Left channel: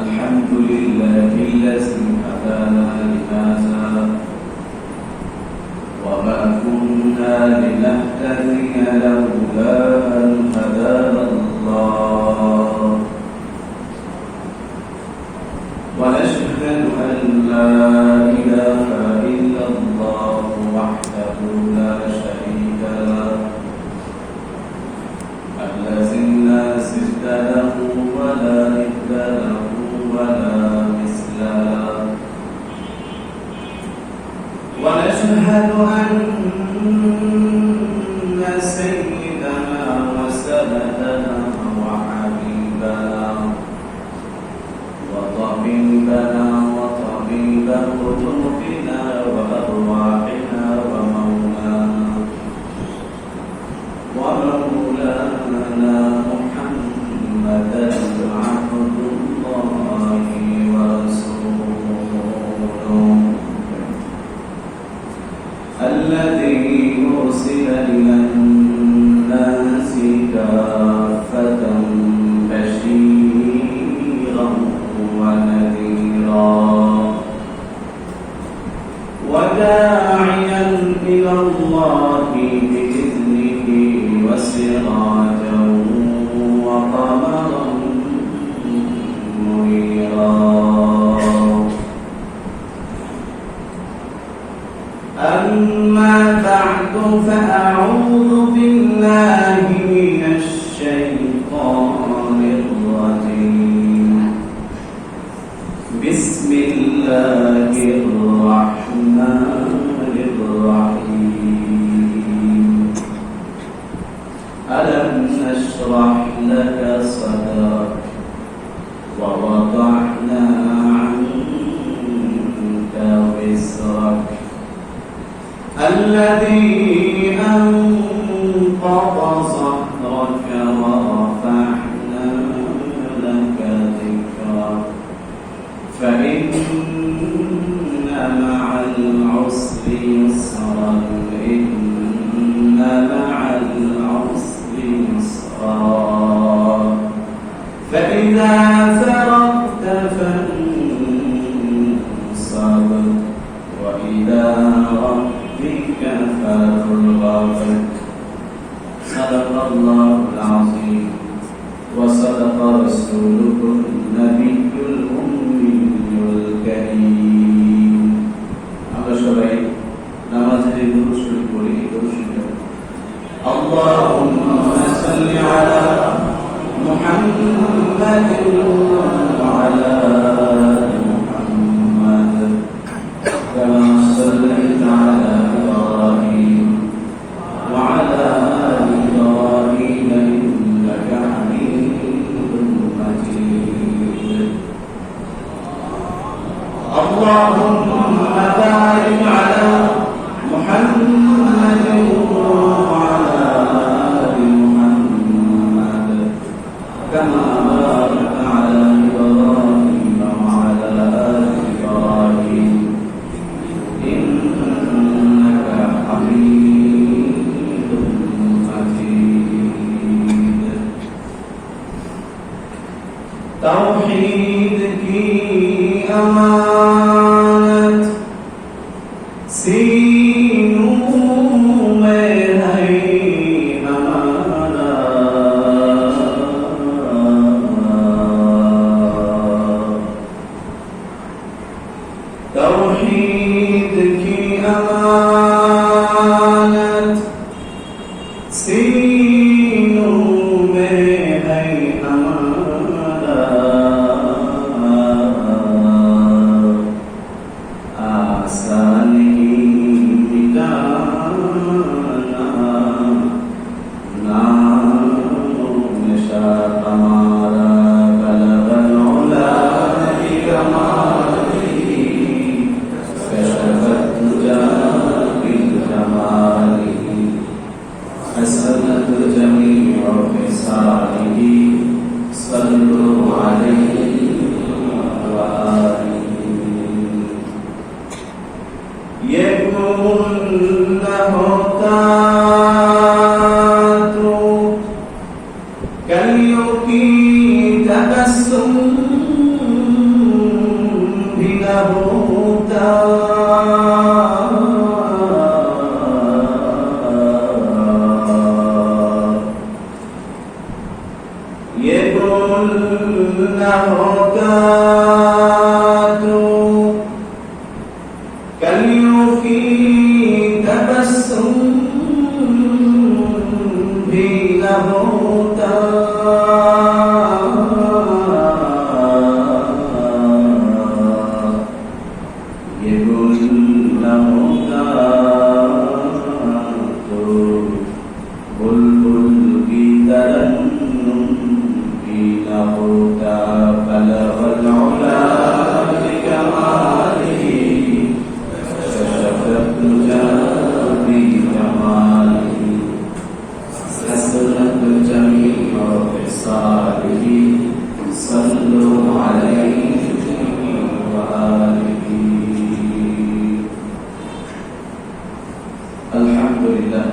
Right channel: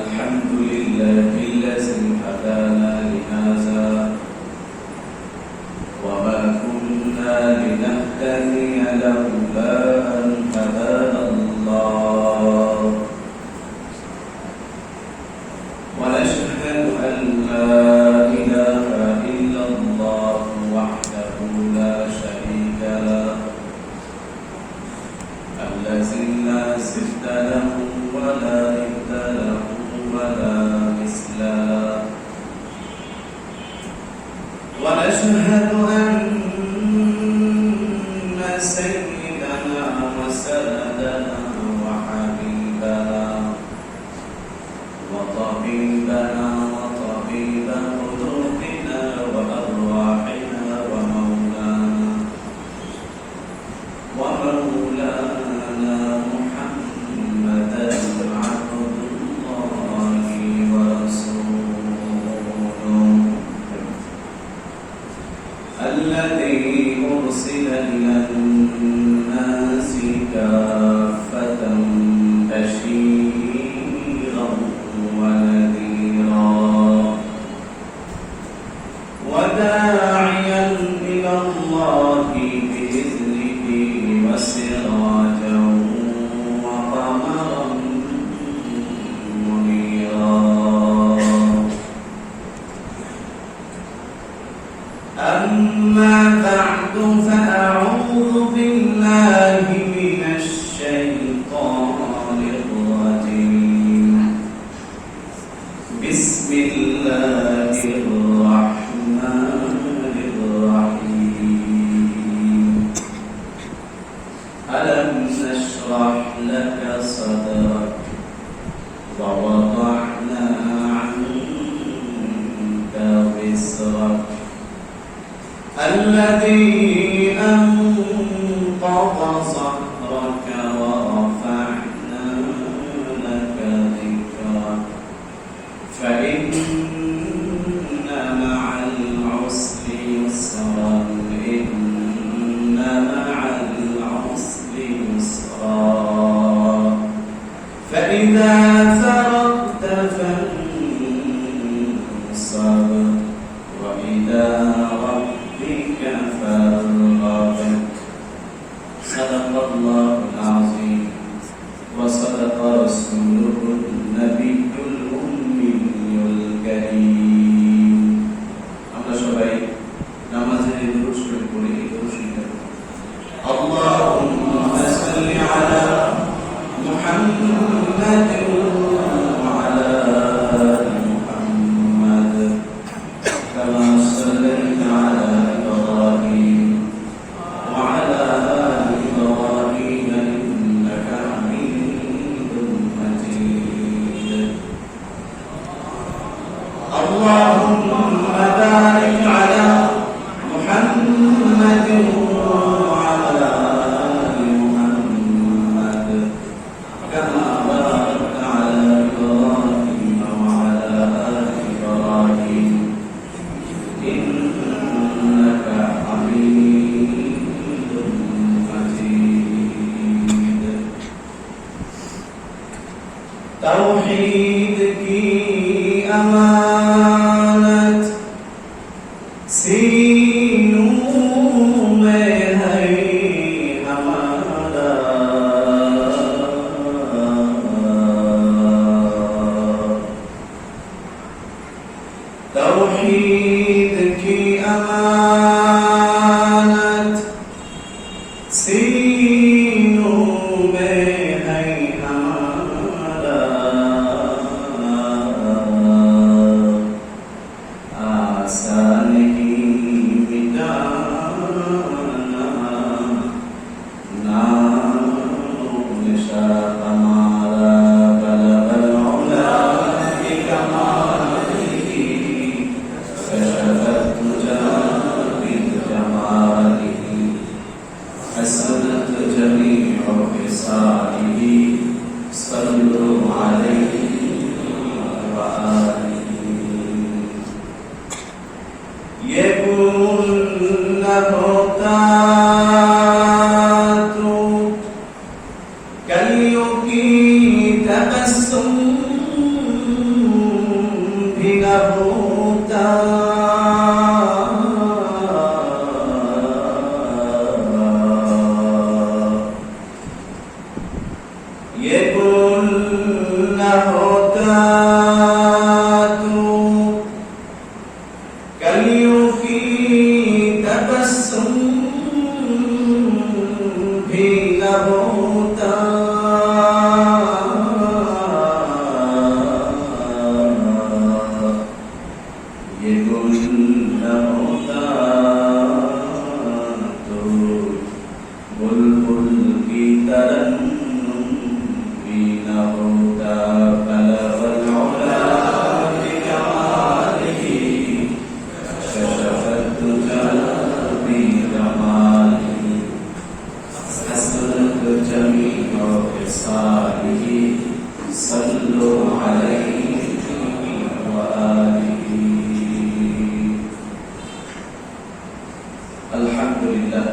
الحمد لله الذي هدانا لهذا وما كنا لنهتدي لولا أن هدانا الله ونشهد أن لا إله إلا الله وحده لا شريك له الذي لا ضد له ولا ند له ولا مثل له ونشهد أن سيدنا وسندنا وحبيبنا وطبيبنا وطبيب قلوبنا وأرواحنا ومولانا محمدا عبد الله ورسوله الذي أرسل إلى الناس كافة بشيرا ونذيرا وداعيا إلى الله بإذنه وسراجا وقمرا منيرا أما بعد فأعوذ بالله من الشيطان الرجيم بسم الله الرحمن الرحيم ألم نشرح لك صدرك ووضعنا عنك وزرك الذي أنقض ظهرك ورفعنا لك ذكرك فإن مع العسر يسرا إن مع العسر يسرا فإذا فرغت فانصب وإلى ربك فارغب صدق الله العظيم وصدق رسوله النبي الأمي الكريم আমরা সবাই নামাজের দুরূদ শরীফ পড়ি اللهم صل على محمد وعلى آل محمد كما صليت على إبراهيم وعلى آل إبراهيم إنك حميد مجيد اللهم بارك على محمد وعلى آل محمد كما باركت على إبراهيم وعلى آل إبراهيم إنك حميد مجيد توحيد की अमानत सीनों में है हमारा तौहीद की अमानत सीनों में है हमारा आसान ही मिटाना नामो निशात हमारा बलगल उला की कमाली शरफत जाती जमाली हसनत जमीअ फिसालिही सल्लु अलैहि व आलिही ये गुण न होता तो कलियों की तबस्सुम ये गुल न होता तो कलियों की तबस्सुम भी न होता। ये गुल न होता तो बुलबुल की तरन्नुम भी न होता। बलगल उला बिकमालिही कशफत दुजा बिकमालिही हसनत जमीअ खिसालिही सल्लु अलैहि व आलिही। अल्हम्दुलिल्लाह।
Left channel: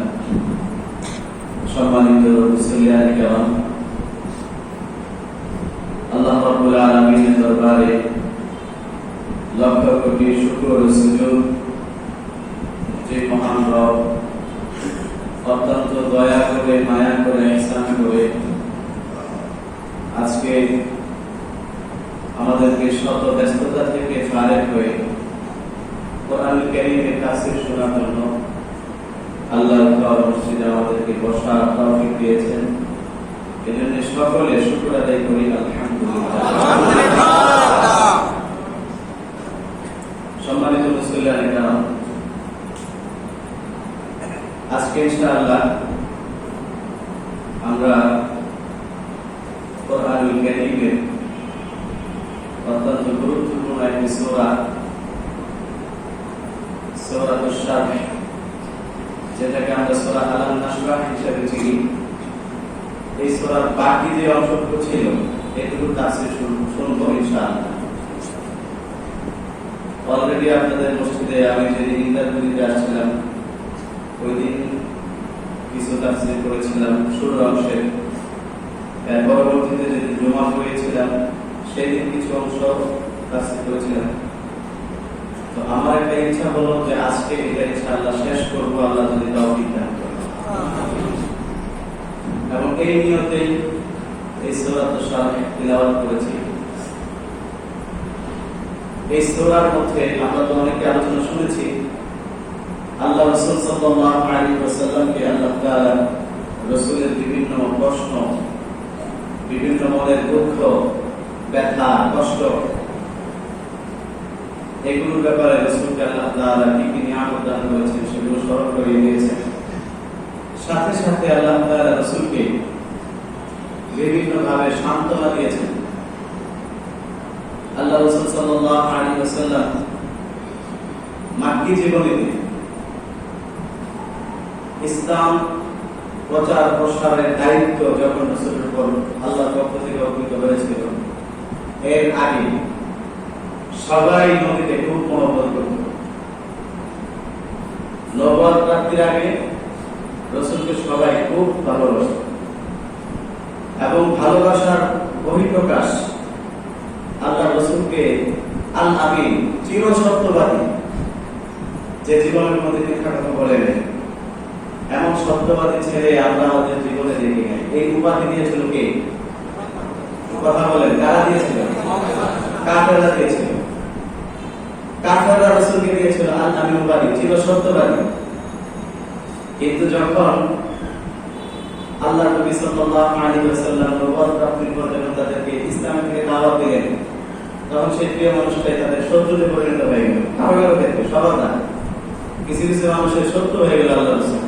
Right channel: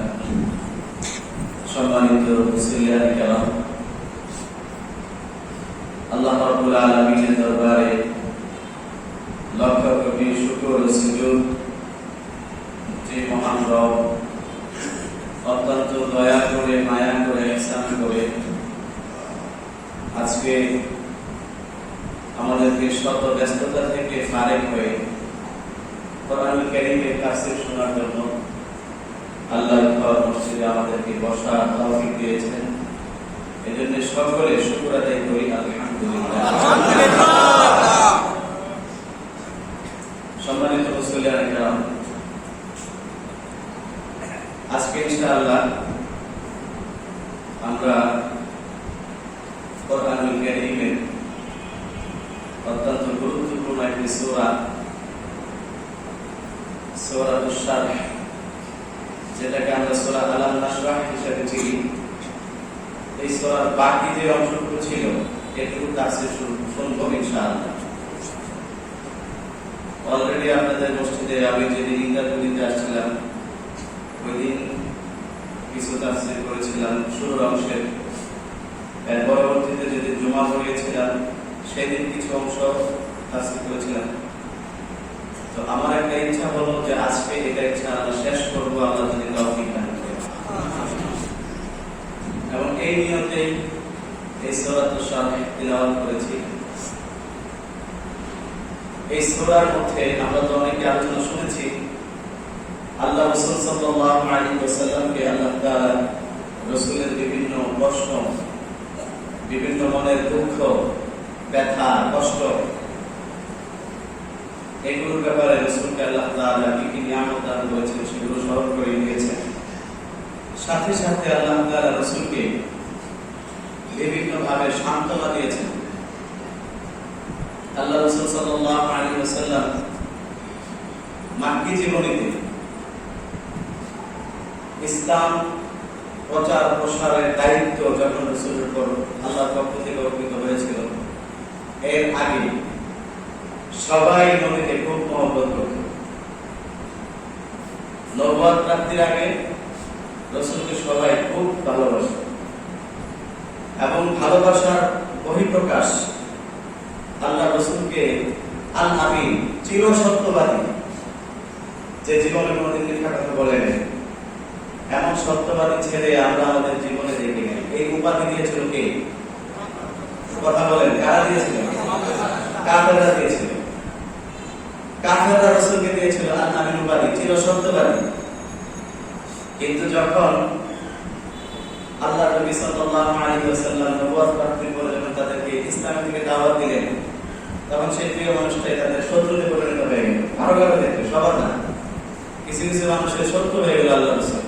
সম্মানিত মুসলিয়ানে কেরাম, আল্লাহ রাব্বুল আলামিনের দরবারে লক্ষ কোটি শুকর ও সুজুদ যে মহান রব অত্যন্ত দয়া করে মায়া করে ইহসান করে আজকে আমাদেরকে শত ব্যস্ততা থেকে ফারেক হয়ে কোরআনুল কারীমের তাফসীর শোনার জন্য আল্লাহর ঘর মসজিদে আমাদেরকে বসার তৌফিক দিয়েছেন। এজন্য সকলে শুকর আদায় করি আলহামদুলিল্লাহ। সম্মানিত মুসলিয়ানে কেরাম, আজকে ইনশাআল্লাহ আমরা কোরআনুল কারীমের অত্যন্ত গুরুত্বপূর্ণ একটি সূরা সূরাতুশ শারহ, যেটাকে আমরা সূরা আলাম নাশরাহ হিসেবে চিনি, এই সূরার বাকি যে অংশটুকু ছিল এগুলো তাফসীর শুনবো ইনশাআল্লাহ। অলরেডি আপনাদের মসজিদে আমি যেদিন ইন্টারভিউ দিতে আসছিলাম ওই দিন কিছু তাফসীর করেছিলাম শুরুর অংশে, এর পরবর্তীতে যেদিন জুমা পড়িয়েছিলাম সেই দিন কিছু অংশ তাফসীর করেছিলাম। তো আমার একটা ইচ্ছা হলো যে আজকে এটা ইনশাআল্লাহ শেষ করবো, আল্লাহ যদি তৌফিক দান করেন। এবং এই নিয়তেই এই সূরাতুশ শারহ তিলাওয়াত করেছি। এই সূরার মধ্যে আমরা তো অনেক আলোচনা শুনেছি, আল্লাহ রাসূল সাল্লাল্লাহু আলাইহি ওয়াসাল্লামকে আল্লাহ তাআলা রাসূলের বিভিন্ন প্রশ্ন, বিভিন্ন মনের দুঃখ, ব্যথা, কষ্ট, এগুলোর ব্যাপারে রাসূলকে আল্লাহ তাআলা কি কি নিয়ামত দান করেছেন সেগুলো স্মরণ করে দিয়েছেন। সাথে সাথে আল্লাহ তাআলা রাসূলকে বিভিন্ন ভাবে সান্ত্বনা দিয়েছেন। আল্লাহ রাসূল সাল্লাল্লাহু আলাইহি ওয়াসাল্লাম মাক্কি জীবনীতে ইসলাম প্রচার প্রসারের দায়িত্ব যখন রাসূলের উপর আল্লাহর পক্ষ থেকে অর্পিত হয়েছিল, এর আগে সবাই নবীকে খুব মহব্বত করত। নবুয়ত প্রাপ্তির আগে রাসূলকে সবাই খুব ভালোবাসত এবং ভালোবাসার বহিঃপ্রকাশ আল্লাহ রাসূলকে আল আমিন, চির সত্যবাদী, যে জীবনের মধ্যে মিথ্যা কথা বলে নাই, এমন সত্যবাদী ছেলে আমরা আমাদের জীবনে দেখি নাই। এই উপাধি দিয়েছিল কে? কথা বলেন, কারা দিয়েছিল? কাফেররা দিয়েছিল। কাফেররা রাসূলকে দিয়েছিল আল আমিন উপাধি, চির সত্যবাদী। কিন্তু যখন আল্লাহ নবী সাল্লাল্লাহু আলাইহি ওয়াসাল্লাম নবুয়ত প্রাপ্তির পর যখন তাদেরকে ইসলাম থেকে দাওয়াত দিলেন, তখন সেই প্রিয় মানুষটাই তাদের শত্রুতে পরিণত হয়ে গেল। কারো কারো দেখবে, সবার না, কিছু কিছু মানুষের শত্রু হয়ে গেল আল্লাহ রাসূল।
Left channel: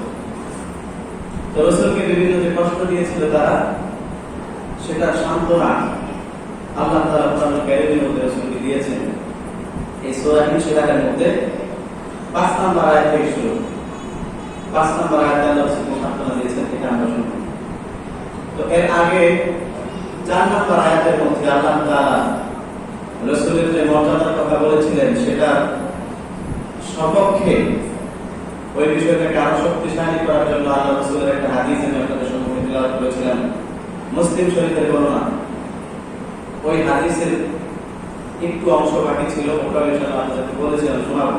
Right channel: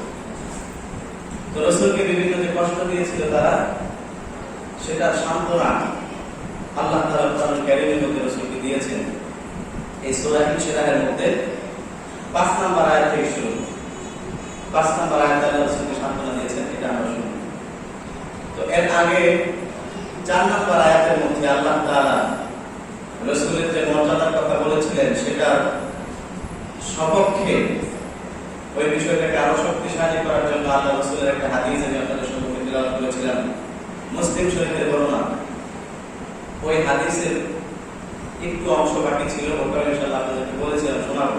তো রাসূলকে বিভিন্ন যে কষ্ট দিয়েছিল তারা, সেটা সান্ত্বনা আল্লাহ তাআলা কোরআনুল কারীমের মধ্যে রাসূলকে দিয়েছেন। এই সূরা ইনশিরাহের মধ্যে ৫ নম্বর আয়াত থেকে শুরু। ৫ নম্বর আয়াতে আল্লাহ রাসূলকে সান্ত্বনা দিয়েছেন, এটা আমরা শুনব। তো এর আগে ৪ নম্বর আয়াতের মধ্যে আল্লাহ তাআলা রাসূলের যে মর্যাদার কথা বলেছিলেন সেটার সপক্ষে ওই বিষয়টাকে আরো শক্তিশালী করার জন্য আল্লাহ রাসূলের একটা হাদিস আমি আপনাদের সম্মুখে তিলাওয়াত করেছিলাম, মুসলিম শরীফের বর্ণনা। ওই হাদিসের একটু অংশ বাকি ছিল, ওটাও ইনশাআল্লাহ আপনাদেরকে বলেছিলাম শোনাবো।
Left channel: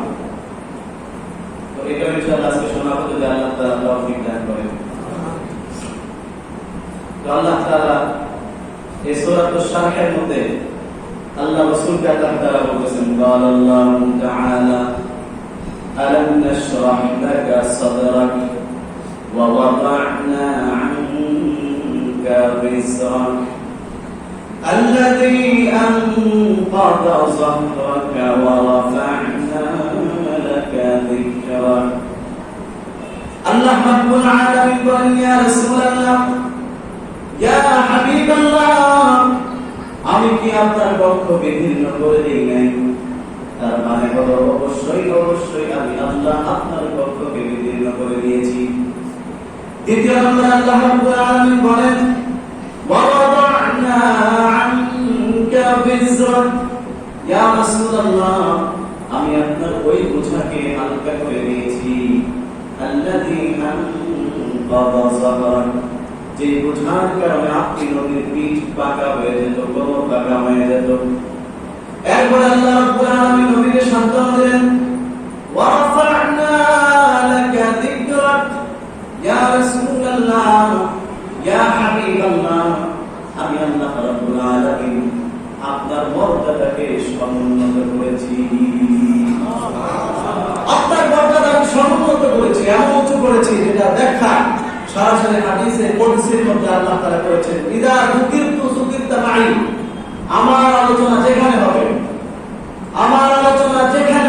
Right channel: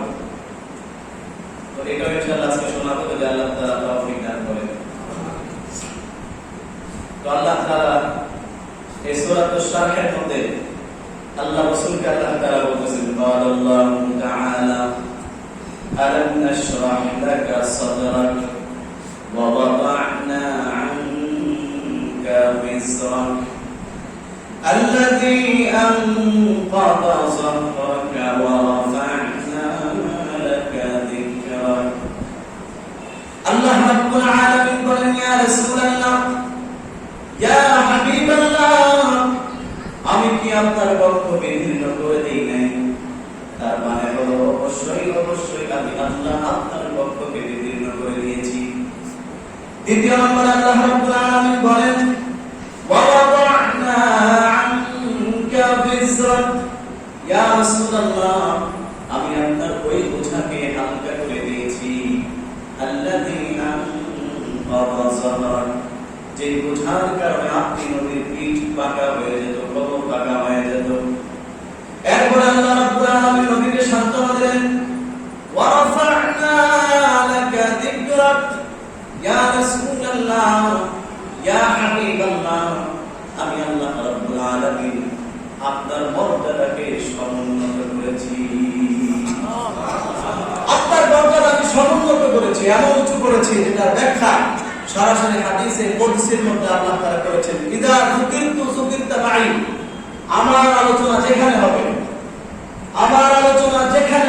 তো এটাও ইনশাআল্লাহ আজকে শোনাবো যদি আল্লাহ তাআলা তৌফিক দান করেন। তো আল্লাহ তাআলা এই সূরাতুশ শারহের মধ্যে আল্লাহ রাসূলকে আল্লাহ তাআলা বলেছেন আল্লাহু তাআলা আলাম নাশরাহ লাকা সাদরাক ওয়া ওয়াদা'না 'আনকা বিসরাক الذي أنقض ظهرك ورفعنا لك ذكرك الله رب العالمين قال يا رسول الله يا حبيب الله আমি কি আপনার পক্ষ বিভিন্ন করে দেই নাই তার মানে হলো অবশ্যই অবশ্যই আমি আল্লাহ আপনার পক্ষকে বিভিন্ন করে দিয়েছি দ্বিতীয় নম্বর আল্লাহ রাব্বুল আলামিন বলেন وَوَضَعْنَا عَنكَ وِزْرَكَ يا رسول الله আমি আপনার ওই বোঝাকে হালকা করে দিয়েছি الذي أنقض ظهرك যে বোঝার কারণে আপনি নবীর পিঠ পাকা হয়ে যেত কোমর পাকা হয়ে যেত এরপর আল্লাহ রাব্বুল আলামিন নবীকে সান্ত্বনা দেন وَرَفَعْنَا لَكَ ذِكْرَكَ يا رسول الله يا حبيب الله আমি আল্লাহ রাব্বুল আলামিন আপনার মর্যাদাকে সমুন্নত করেছি আপনার মর্যাদা আমি সমুন্নত করেছি এমন উঁচু করেছি যেটা ব্যাখ্যা সরাসরি হাদিসে কুদসির মধ্যে আল্লাহ তাআলা করেছেন ইদা যুকিরতু যুকিরতা মাই আমার আলোচনা যেখানে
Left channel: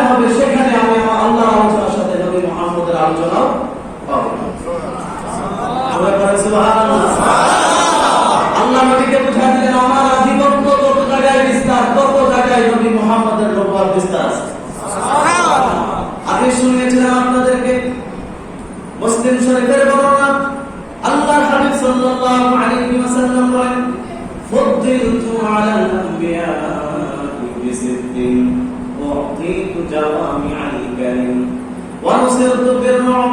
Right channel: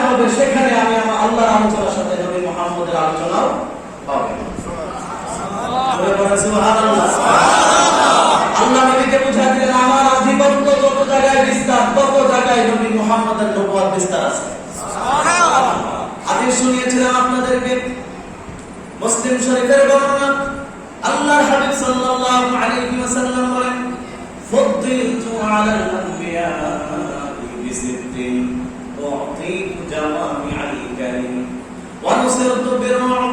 হবে সেখানে আমি আমার আল্লাহর আলোচনার সাথে নবী মুহাম্মদের আলোচনাও হবে সুবহানাল্লাহ আল্লাহ নবীকে বুঝা দিলেন আমার আধিপত্য যত জায়গায় বিস্তার তত জায়গায় নবী মুহাম্মদের নবুয়ত বিস্তার আছে সুবহানাল্লাহ আগে শুনিয়েছিলাম আপনাদেরকে মুসলিম শরীফের বর্ণনা আল্লাহ হাবিব সাল্লাল্লাহু আলাইহি ওয়াসাল্লাম বলেন ফুদ্দিলতু আলাল আনবিয়া বিসিদ্দিন উ'তিতু জাওয়ামি'আল কালিম ওয়া নুসিরতু বির-রু'ব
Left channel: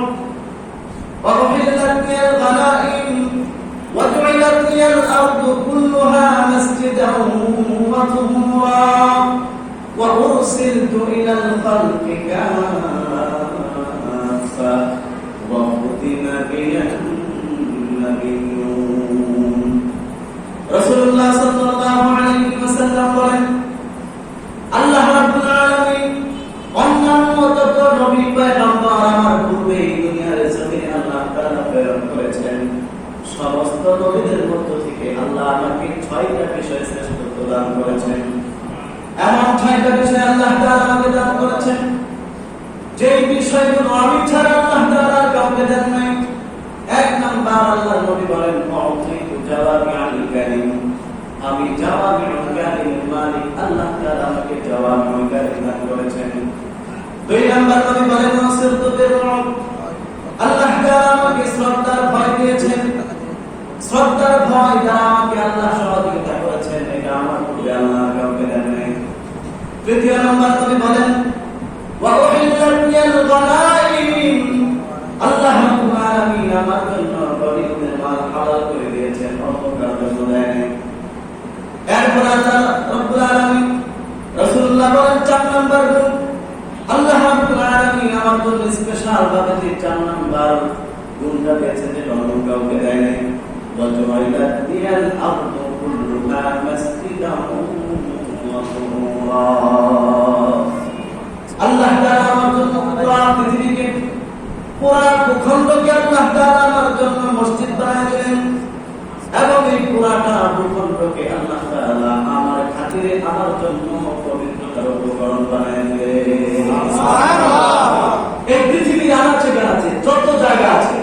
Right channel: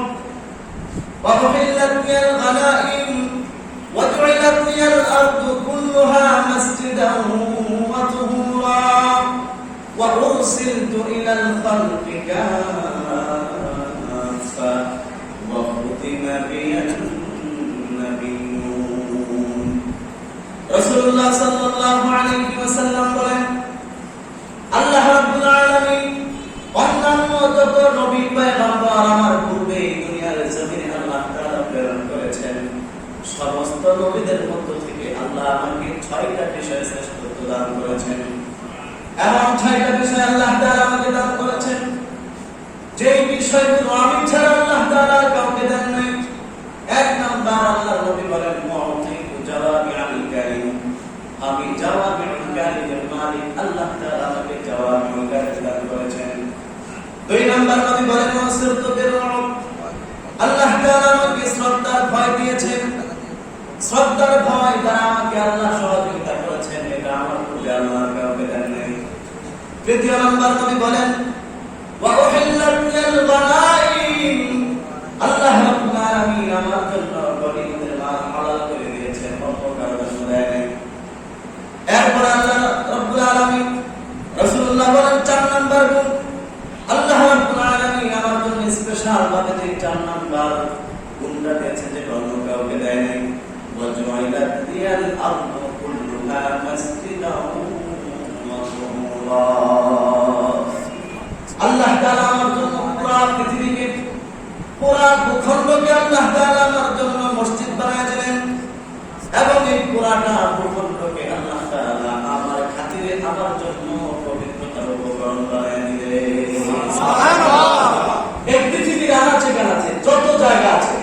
ওয়া উহিল্লাত লিল গনাইম ওয়া জু'ilat লিল আরদু কুল্লুহা মাসজিদান ওয়া তুহুরা ওয়া উরসিলতু ইলাল খালqi কাফা وختم بي النبيون রাসূলুল্লাহ সাল্লাল্লাহু আলাইহি ওয়াসাল্লাম বলেন আল্লাহ রাব্বুল আলামিন অন্যান্য যত নবী পয়গম্বর আমার পূর্বে দুনিয়ার জমিনে আল্লাহ তাআলা প্রেরণ করেছেন সমস্ত নবীদের মধ্য থেকে আল্লাহ আমাকে 6টা বিষয় শ্রেষ্ঠত্ব দান করেছেন এমন 6টা বিষয় আল্লাহ তাআলা আমাকে দান করেছেন যে বিষয়গুলো আমি ছাড়া আল্লাহ তাআলা কাউকে দেন নাই এক নাম্বার আল্লাহর নবী বলেন মুআতিকু জাওয়ামি'আল কালিম আমি জাওয়ামি'আল কালিমের মালিক আল্লাহ তাআলা আমাকে জাওয়ামি'আল কালিম দান করেছেন দুই নাম্বার নবী বলেন মুসিরতু বির-রু'ব আল্লাহ তাআলা আমাকে শ্রদ্ধার ভয় দিয়েছেন শ্রদ্ধার ভয় দ্বারা আমাকে আল্লাহ সহযোগিতা করেছেন এটা আমার পূর্বে আল্লাহ কাউকে দেন নাই তৃতীয় নাম্বার নবী বলেন وَأُحِلَّتْ لِيَ الْغَنَائِمُ আল্লাহ রাব্বুল আলামিন আমার জন্য গনিমতের মাল হালাল করে দিয়েছেন অন্য কারো জন্য দেন এরপর আল্লাহ রাব্বুল আলামিন রাসূলুল্লাহ বলেন 4 নাম্বার গুণ আল্লাহ রাব্বুল আলামিন আমার জন্য স্পেশাল ভাবে যে 4 নাম্বার গুণটা দিয়েছেন যে অন্য কাউকে দেন নাই وَجُعِلَتْ لِيَ الْأَرْضُ كُلُّهَا مَسْجِدًا وَطَهُورًا আল্লাহ তাআলা আমার জন্য পুরো পৃথিবীকে পুরো ভূখণ্ডকে আল্লাহ তাআলা আমার জন্য মসজিদ বানিয়েছেন এবং এই পুরাটা ভূখণ্ডকে আল্লাহ তাআলা আমার খাতিরে আমার জন্য পবিত্রতার উপকরণ বানিয়ে দিলেন সুবহানাল্লাহ এই পৃথিবীর আনাচে যত জায়গা আছে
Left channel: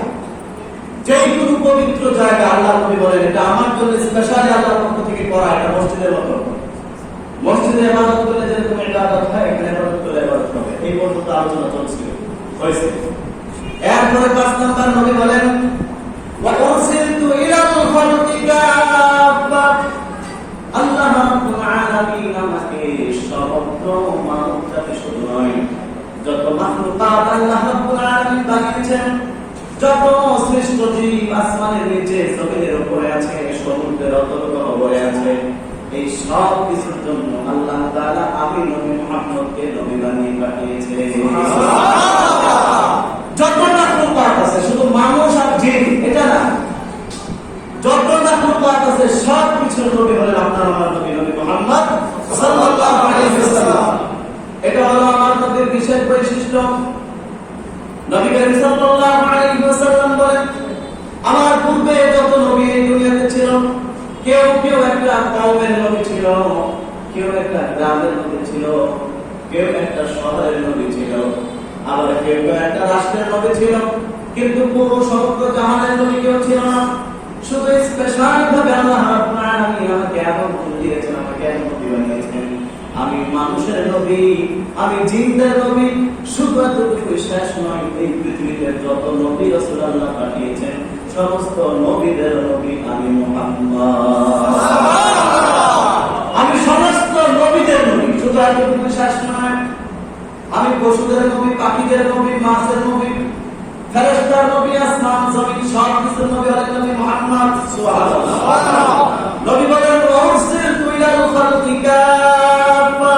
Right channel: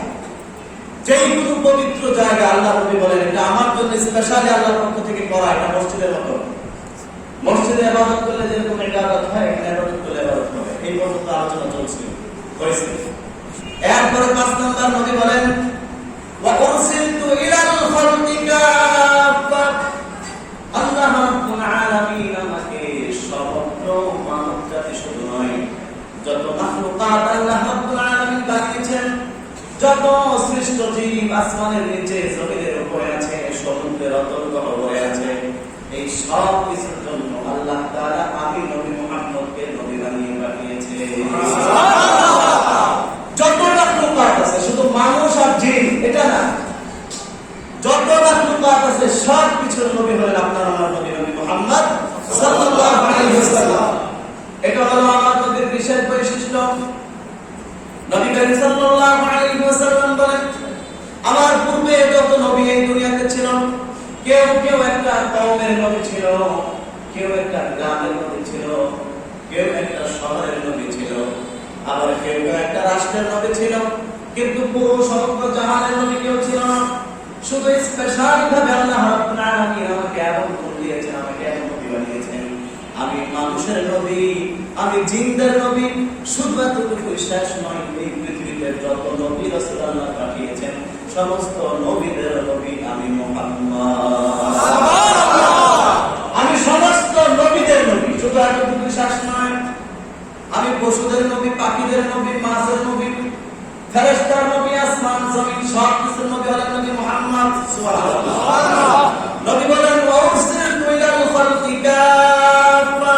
যেইগুলো পবিত্র জায়গা আল্লাহ নবী বলেন এটা আমার জন্য স্পেশালি আল্লাহর পক্ষ থেকে করা এটা মসজিদের মতো মসজিদে ইবাদত করলে যেরকম ইবাদত হয় এখানে ইবাদত করলে ইবাদত হবে এই পর্যন্ত আলোচনা চলছিল হয়েছে এরপরে 5 নাম্বার নবী বলেন ওয়া উরসিলতু ইলাল খালqি কাফা আল্লাহ রাব্বুল আলামিন আমাকে সমগ্র মানব জাতি শুধু নয় যত মাখলুকাত আল্লাহ রাব্বুল আলামিন বানিয়েছেন যত সৃষ্ট জীব আসমানের নিচে জমিনের উপরে আছে সমুদ্রের অতল গহ্বরে আছে এই সব কিছুর জন্য আল্লাহ তাআলা আমি নবী মুহাম্মদকে নবী বানিয়ে পাঠিয়েছেন সুবহানাল্লাহ যত মাখলুকাত আছে শুধু মানুষ আর জিন এটা না যত মাখলুকাত আছে সব কিছুর নবী হলেন কেউ কেউ একটা কওমের নবী ছিল, কেউ একটা গ্রামের নবী ছিল, কেউ একটা শহরের নবী ছিল, আবার কেউ একটা রাষ্ট্রের নবী ছিল, কিন্তু পুরো সমগ্র জাহানের নবী কেউ ছিল না। শুধু স্পেশাল ভাবে আল্লাহ রাব্বুল আলামিন আমাকে এমন করে দিয়েছেন, আমাকে এমন নবী বানিয়েছেন। আমি মানুষের নবী, আমি জিনদের নবী। শুধু এতটুকু শেষ নয়, এই পৃথিবীতে যত নবী রাসূল আল্লাহ পাঠিয়েছেন সমস্ত নবীদের নবী আমি মুহাম্মদ। আমি সমস্ত নবীদের নবী। শুধু এতটুকু শেষ নয়, আমি পশুদের নবী, পাখিদের নবী, মাছের নবী, ফেরেশতার নবী, আসমান জমিন সব কিছুর নবী হলেন নবী মুহাম্মদ। সুবহানাল্লাহ। নবী বলেন ওয়ারসিলতু ইলাল খালকি কাফা,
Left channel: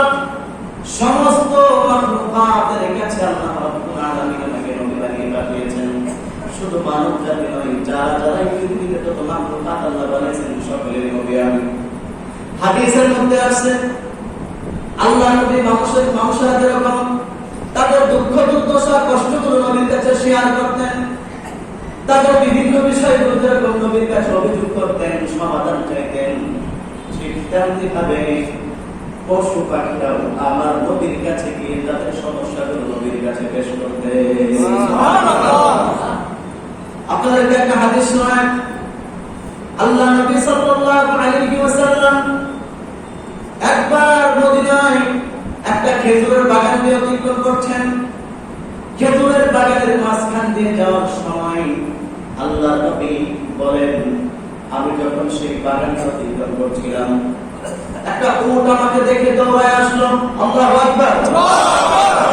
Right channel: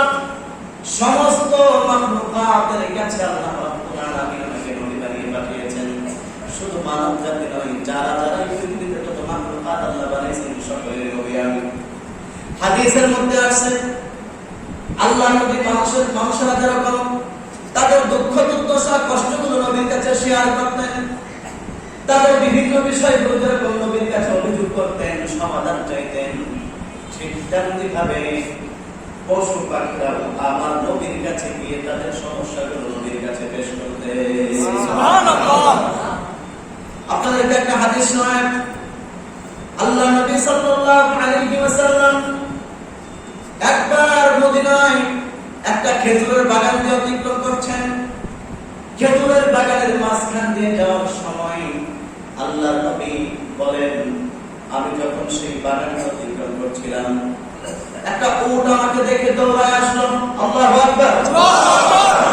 সমস্ত মাখলুকাতের কাছে আল্লাহ রাব্বুল আলামিন আমাকে নবী বানিয়ে পাঠিয়েছেন। শুধু মানব জাতি নয়, যারা যারা এই পৃথিবীতে যত মাখলুকাত আল্লাহ বানিয়েছেন সকলের নবী আমি। হাদিসের মধ্যে আছে আল্লাহ নবী মানুষেরা যেরকম তাদের দুঃখ দুর্দশা কষ্টগুলো নবীর কাছে শেয়ার করতেন, তাদের বিভিন্ন বিষয়গুলো যেরকম নবীর কাছে অভিযোগ করতেন, সমাধান চাইতেন, ঠিক তেমনি ভাবে পশু পাখিরা আমার নবীর কাছে গিয়ে তাদের সমস্যাগুলো নবীর কাছে পেশ করতে। আপনাদেরকে একটা হাদিস শোনাই। আল্লাহ নবী সাল্লাল্লাহু আলাইহি ওয়াসাল্লাম একবার মদিনায় একটা খেজুরের বাগান দিয়ে অতিক্রম করছেন। খেজুরের বাগানের মাঝখান দিয়ে যাওয়ার সময় আল্লাহ নবী বলেন, আমি যখন সেই বাগানটা অতিক্রম করছিলাম একটা উট আমাকে দেখে দৌড়ায় আসলো। আল্লাহু আকবার।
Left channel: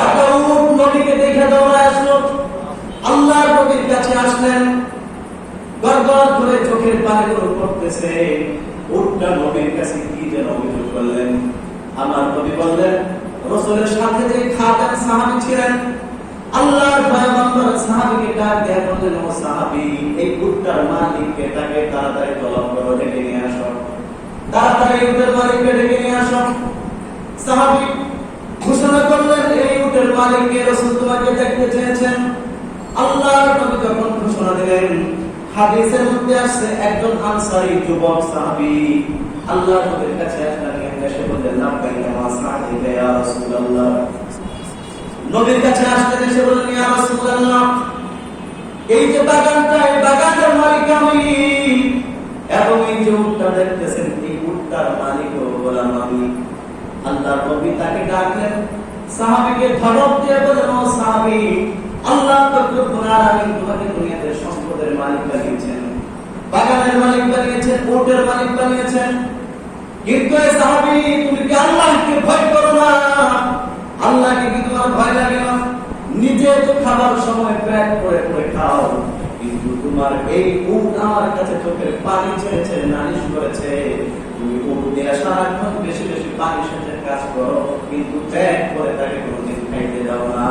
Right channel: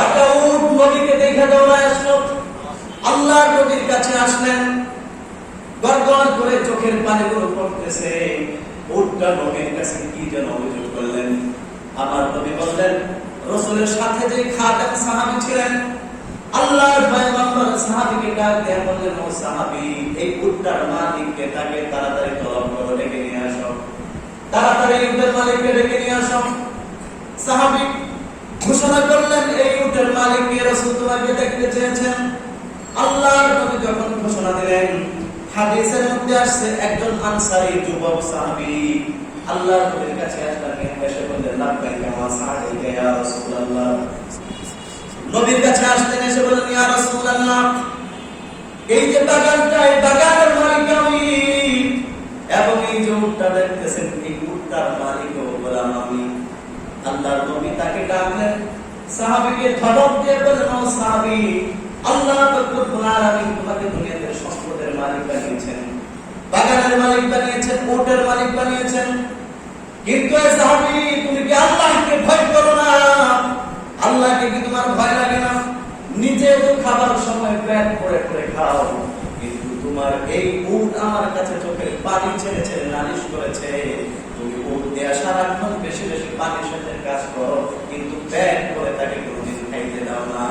একটা উট নবীকে দেখে দৌড়ায় আসলো। আল্লাহ নবীর কাছে আসলেন, গড়গড় করে চোখের পানিগুলো পড়তেছে। উটটা নবীর কাছে কি যেন অভিযোগ করলেন। আমার নবী বললেন, রাসূলের সাথে যে খাদেম সাহাবী ছিলেন, আল্লাহর পয়গম্বর সাহাবীকে ডাক দিয়ে বললেন, ও সাহাবী, এই উটটার মালিককে তাকে তাড়াতাড়ি তলব করে ডেকে নিয়ে আসো, তাড়াতাড়ি উটের মালিককে ডেকে নিয়ে আসো। সাহাবী ঘোষণা করলেন, এই উটের মালিককে রাসূল তোমাকে দেখতে চেয়েছেন। আল্লাহর নবী যখন ঘোষণা দিলেন, হাদিসের মধ্যে আসছে একজন আনসারী যুবক সাহাবী আল্লাহর নবীর কাছে আসলেন, এসে বললেন, লাব্বাইকা ওয়া সা'দাইকা ইয়া রাসূলুল্লাহ। নবীর কাছে আসলেন, এসে বললেন, ইয়া রাসূলুল্লাহ, এই যে বাগানটা, এই বাগানের মালিক আমি, এবং এই যে উটটা দেখতেছেন, এই উটটার মালিকও গোলাম আমি। আল্লাহর নবী তাকে ডাকলেন, সাহাবীকে ধমক দিয়ে বললেন, ও সাহাবী, আল্লাহ রাব্বুল আলামিন তোমাকে দুনিয়াতে সম্পদের মালিক বানিয়েছেন, বাগানের মালিক বানিয়েছেন, উটের মালিক বানিয়েছেন, কিন্তু এই সাহাবী তুমি কি আল্লাহকে ভয় করো না? আল্লাহকে কি তোমার ভয় লাগে না? নিজে তো খাবার সময় পেট করে করে খাও, কিন্তু তোমার এই উট আমার কাছে চোখের পানি ছেড়ে ছেড়ে নালিশ করেছে। তুমি উট দিয়ে সারাক্ষণ বেশি বেশি পানি সাথে কাজ করো, কিন্তু পেট করে তাকে কোনোদিন খাইতে দাও না।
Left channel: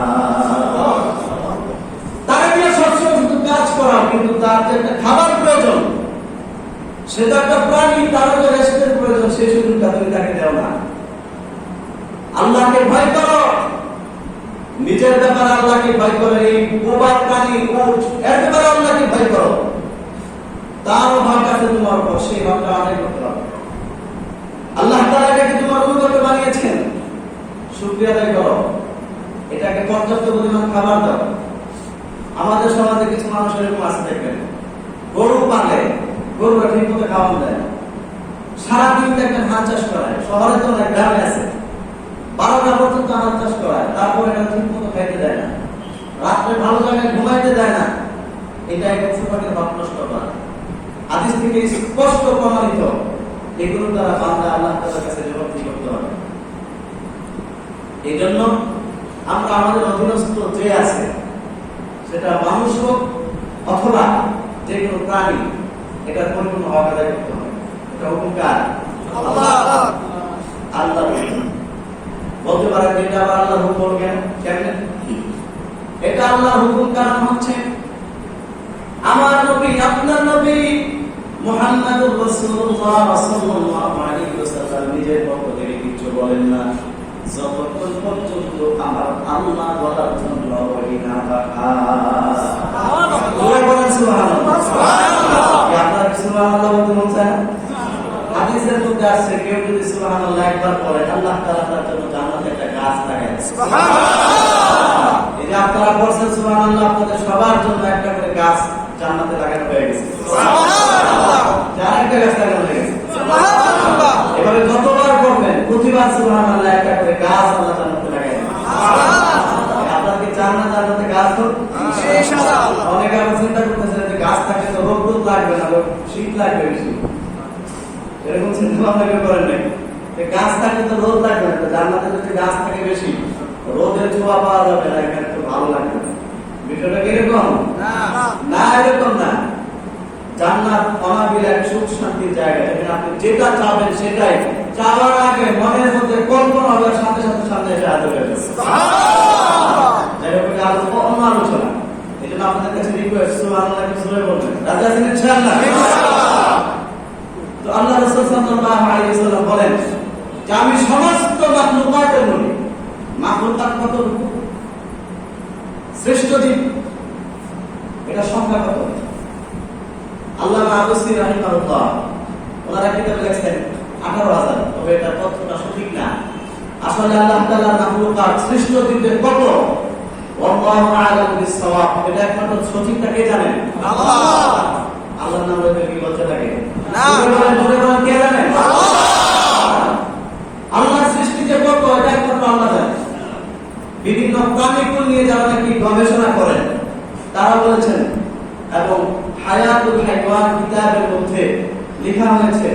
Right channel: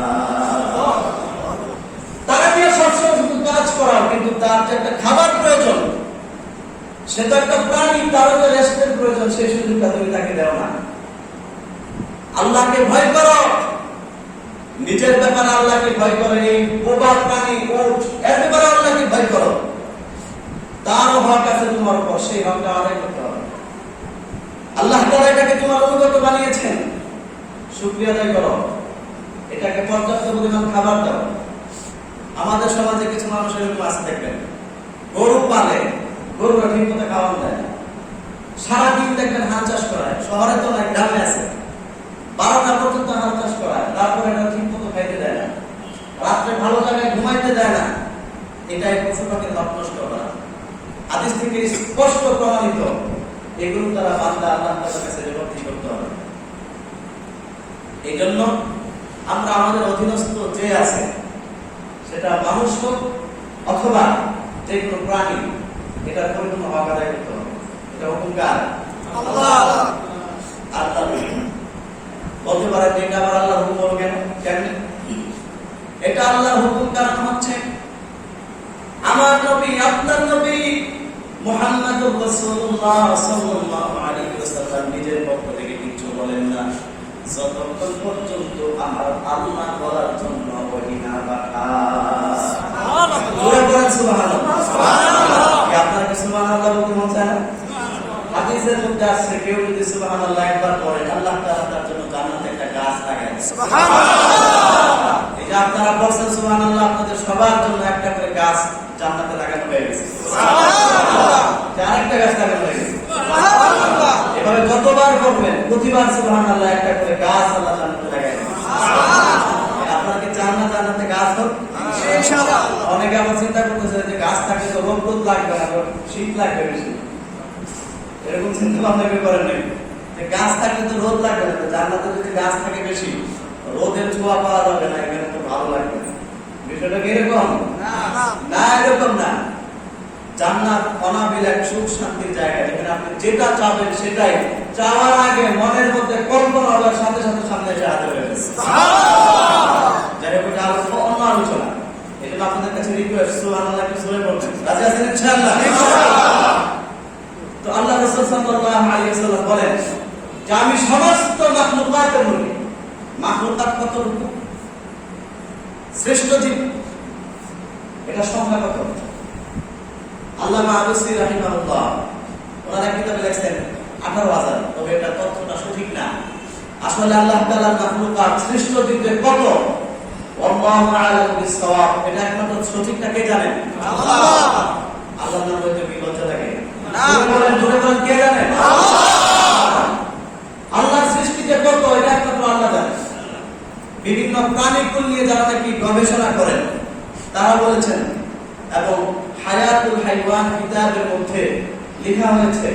তারা দিয়ে সবসময় শুধু কাজ করাও, কিন্তু তার যে একটা খাবার প্রয়োজন, সে তো একটা প্রাণী, তারও তো রেস্টের প্রয়োজন, সেই সুযোগটা তুমি তাকে দাও না। আল্লাহকে ভয় করো, নিজের ব্যাপারে আল্লাহকে ভয় করো। এই বোবা প্রাণী উট, এর ব্যাপারে আল্লাহকে ভয় করো। তারও হক আছে তোমার উপর, সেই হকটা আদায় করতে হবে। আল্লাহ তাআলা এটাকে তোমার অনুগত বানিয়েছেন, শুকরিয়া আদায় করো, এটাকে পর্যাপ্ত পরিমাণ খাবার দাও। আমাদের সমাজে কিছু মানুষ এরকম আছে, দেখবেন গরু পালে, গরুরা ঠিক মতো খাওয়ানো যায় না, সারাদিন দেখবেন ধান চাষ করায়, শহরে তো নয়, গ্রামে আছে, 12টা পর্যন্ত ধান চাষ করায়, তারপর এটা ঠিক মতো খাইতে দেয় না, রাত্রে ভালো জায়গায় ঘুমাইতে দেয় না। এটা এক পশুপাখির হক নষ্ট করা। হাদিস থেকে স্পষ্ট প্রমাণিত, এগুলো দ্বারা বান্দা আল্লাহ তাআলার কাছে জবাবদিহি করতে হবে। এই জন্য আমরা আমাদের অধীনস্থ যে আছে, সেটা মানুষ হোক অথবা যে কোনো প্রাণী, এটার পরিপূর্ণ হক আদায় করতে হবে। এটা হুকুম কার? আল্লাহ। আল্লাহ বলতে পারেন এটা আবার আল্লাহর হুকুম কেন? এটা আল্লাহর হুকুম, কারণ হচ্ছে আমার নবী, আপনার নবী মুহাম্মদুর রাসূলুল্লাহ সাল্লাল্লাহু আলাইহি ওয়াসাল্লাম নিজের পক্ষ থেকে কিছু বলেন না যতক্ষণ পর্যন্ত আমার আল্লাহ বলার জন্য ওহী না পাঠায়। সুবহানাল্লাহ, সুবহানাল্লাহ। আপনারা সুবহানাল্লাহ বলতে মন চায় না? আসছে, কেউ যদি সুবহানাল্লাহ একবার পড়ে, আল্লাহ তাআলা তার জন্য জান্নাতে একটা গাছ লাগায় দেন। সুবহানাল্লাহ। এই যে আপনারা বলছেন সুবহানাল্লাহ, আপনাদের সবার জন্য একটা করে গাছ জান্নাতে লাগানো হয়ে গেছে। সুবহানাল্লাহ। যার একটা গাছ লাগানো হয়ে গেছে। সুবহানাল্লাহ। এভাবে যতবার করবেন প্রতিবার সুবহানাল্লাহ একটা করে গাছ আল্লাহ জান্নাতে লাগায় দেন। সুবহানাল্লাহ। আপনাকে জান্নাতে গাছ হোক ইনশাআল্লাহ। অনেকে আবার চিন্তা করতেছে যে গাছ থাকলে তো রোদ লাগবে না, শীত লাগবে বেশি। এরকম চিন্তা ভাবনা কেউ করেন নাই। গাছ থাকলে তো রোদ লাগবে না, জান্নাতে যদি গাছ থাকে বেশি রোদের ছোঁয়া পাওয়া যাবে না, এখানে তো ভালো লাগবে না। বিষয়টা কি এরকম? না, এরকম না। জান্নাত অনাবিল এক সুখ শান্তির জায়গা, এখানে আপনি যেটা চাবেন সেটাই চাওয়ার আগে মনের মধ্যে কল্পনা হওয়ার সাথে সাথে সামনে এসে হাজির হয়ে যাবে। যাই হোক, এটা অন্য আলোচনা। এই জন্য আপনাদের কাছে রিকোয়েস্ট, সুবহানাল্লাহ কিছু জোরে বলবেন। রাজি আছেন ইনশাআল্লাহ? তো আল্লাহ রাসূল সাল্লাল্লাহু আলাইহি ওয়াসাল্লাম বলেন যে আমি সমস্ত মাখলুকাতের মধ্যে, মাখলুকাত কতটুকু? শ্রেষ্ঠ জীব, এটা সংখ্যা কত? আল্লামা আবুসি রাহিমাহুল্লাহ ওনারা কিতাবে লিখেছেন 18,000। তবে এটা তথ্যটা সঠিক না। আসলে আল্লাহ তাআলার মাখলুকাত শ্রেষ্ঠ জীবদের কত? আল্লাহু আ'লামু বিস-সাওয়াব। এটা একমাত্র সঠিকটা কে জানেন? আল্লাহ। আল্লাহর নাম বলতে কি বলতে থাকে? না, বলেন কে জানেন? আল্লাহর সৃষ্টি যে কত এটা একমাত্র আল্লাহ জানেন। বিভিন্ন প্রাণীকুল নিয়ে যারা নাকি গবেষণা করেন তারা বলেছেন, এবং হায়াতুল হাইওয়ান কিতাবের মধ্যে লেখা হয়েছে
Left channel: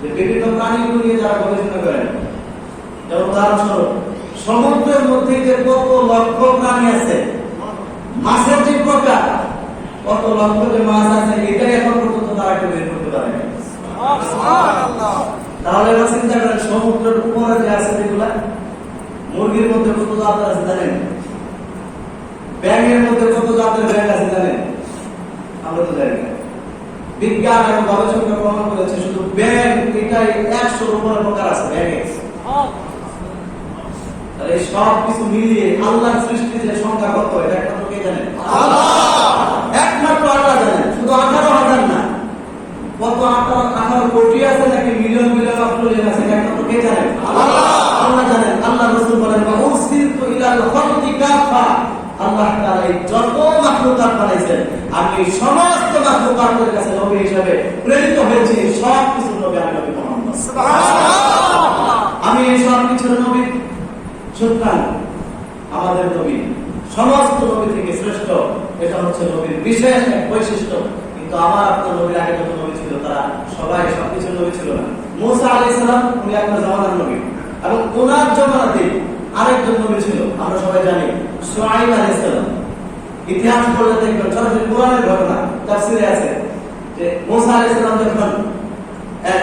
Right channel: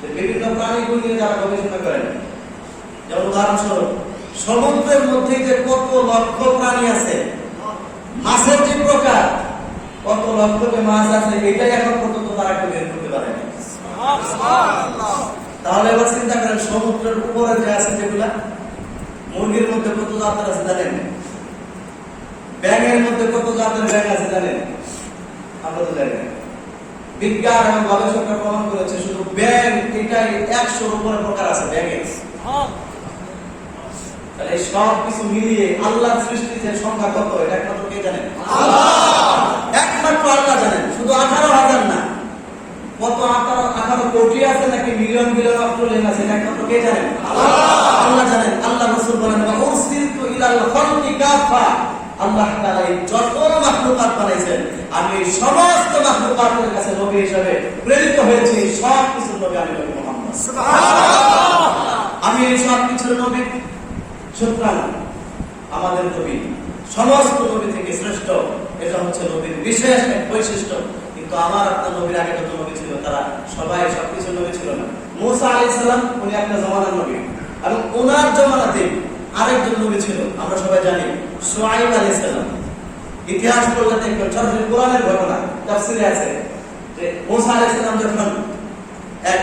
যে বিভিন্ন প্রাণীকুল নিয়ে যারা গবেষণা করেন, যেমন উদাহরণস্বরূপ সমুদ্রের মধ্যে যে কত লক্ষ প্রাণী আছে, মাছের যে প্রকার, কত লক্ষ যে মাছ আছে, এটাই এখন পর্যন্ত তারা কেউ বের করতে পারে না। তাহলে এবার চিন্তা করেন, সমুদ্রের উপরে যে আছে যেগুলা, মুরগির মধ্যে কত জাতের আছে জানেন? ব্যাঙের মধ্যে কত জাতের ব্যাঙ আছে জানেন? আমরা তো জানি না। বিজ্ঞান এবং গবেষকরা প্রমাণ করেছে শুধু ব্যাঙ এটাই 100-র উপরে প্রকার আছে ব্যাঙের। তাহলে সব কিছু মিলিয়ে আল্লাহর সৃষ্টির যে সংখ্যা কত এটা একমাত্র কে জানেন? একমাত্র আল্লাহ জানেন। শুধু 18,000 না, কত 18 কোটি আছে নাকি মিলিয়ন মিলিয়ন ট্রিলিয়ন আছে, এটা একমাত্র কে জানেন? আল্লাহ জানেন। আল্লাহ রাসূল বলেন উরসিলতু ইলাল খালকি কাফা। আল্লাহ তাআলা যত মাখলুকাত বানাইছেন আমি সমস্ত মাখলুকাতের কাছে নবী হিসেবে প্রেরিত হয়েছি। সব কিছু নবী আমি নবী মুহাম্মদ। সুবহানাল্লাহ। আমি এই সব কিছুর নবী। সুতরাং আমাদের নবী সমস্ত নবী থেকে শ্রেষ্ঠ, এটা হচ্ছে নবীর বিশেষ এক বৈশিষ্ট্য। কিন্তু আমার আপনার নবীর আগে যত নবী ছিল তারা সবাই সবকিছু নবী ছিল না। মূসা আলাইহিস সালাম উনি একটা জামানার নবী, এবং ওনার জামানাতে আরেকজন নবী ছিল, আমরা সবাই জানি, শুআয়ব আলাইহিস সালাম। ইতিহাস পড়লে দেখবেন, সরাসরি কোরআনের ঘটনা তাফসীরে আছে যে মূসা আলাইহিস সালাম যখন এক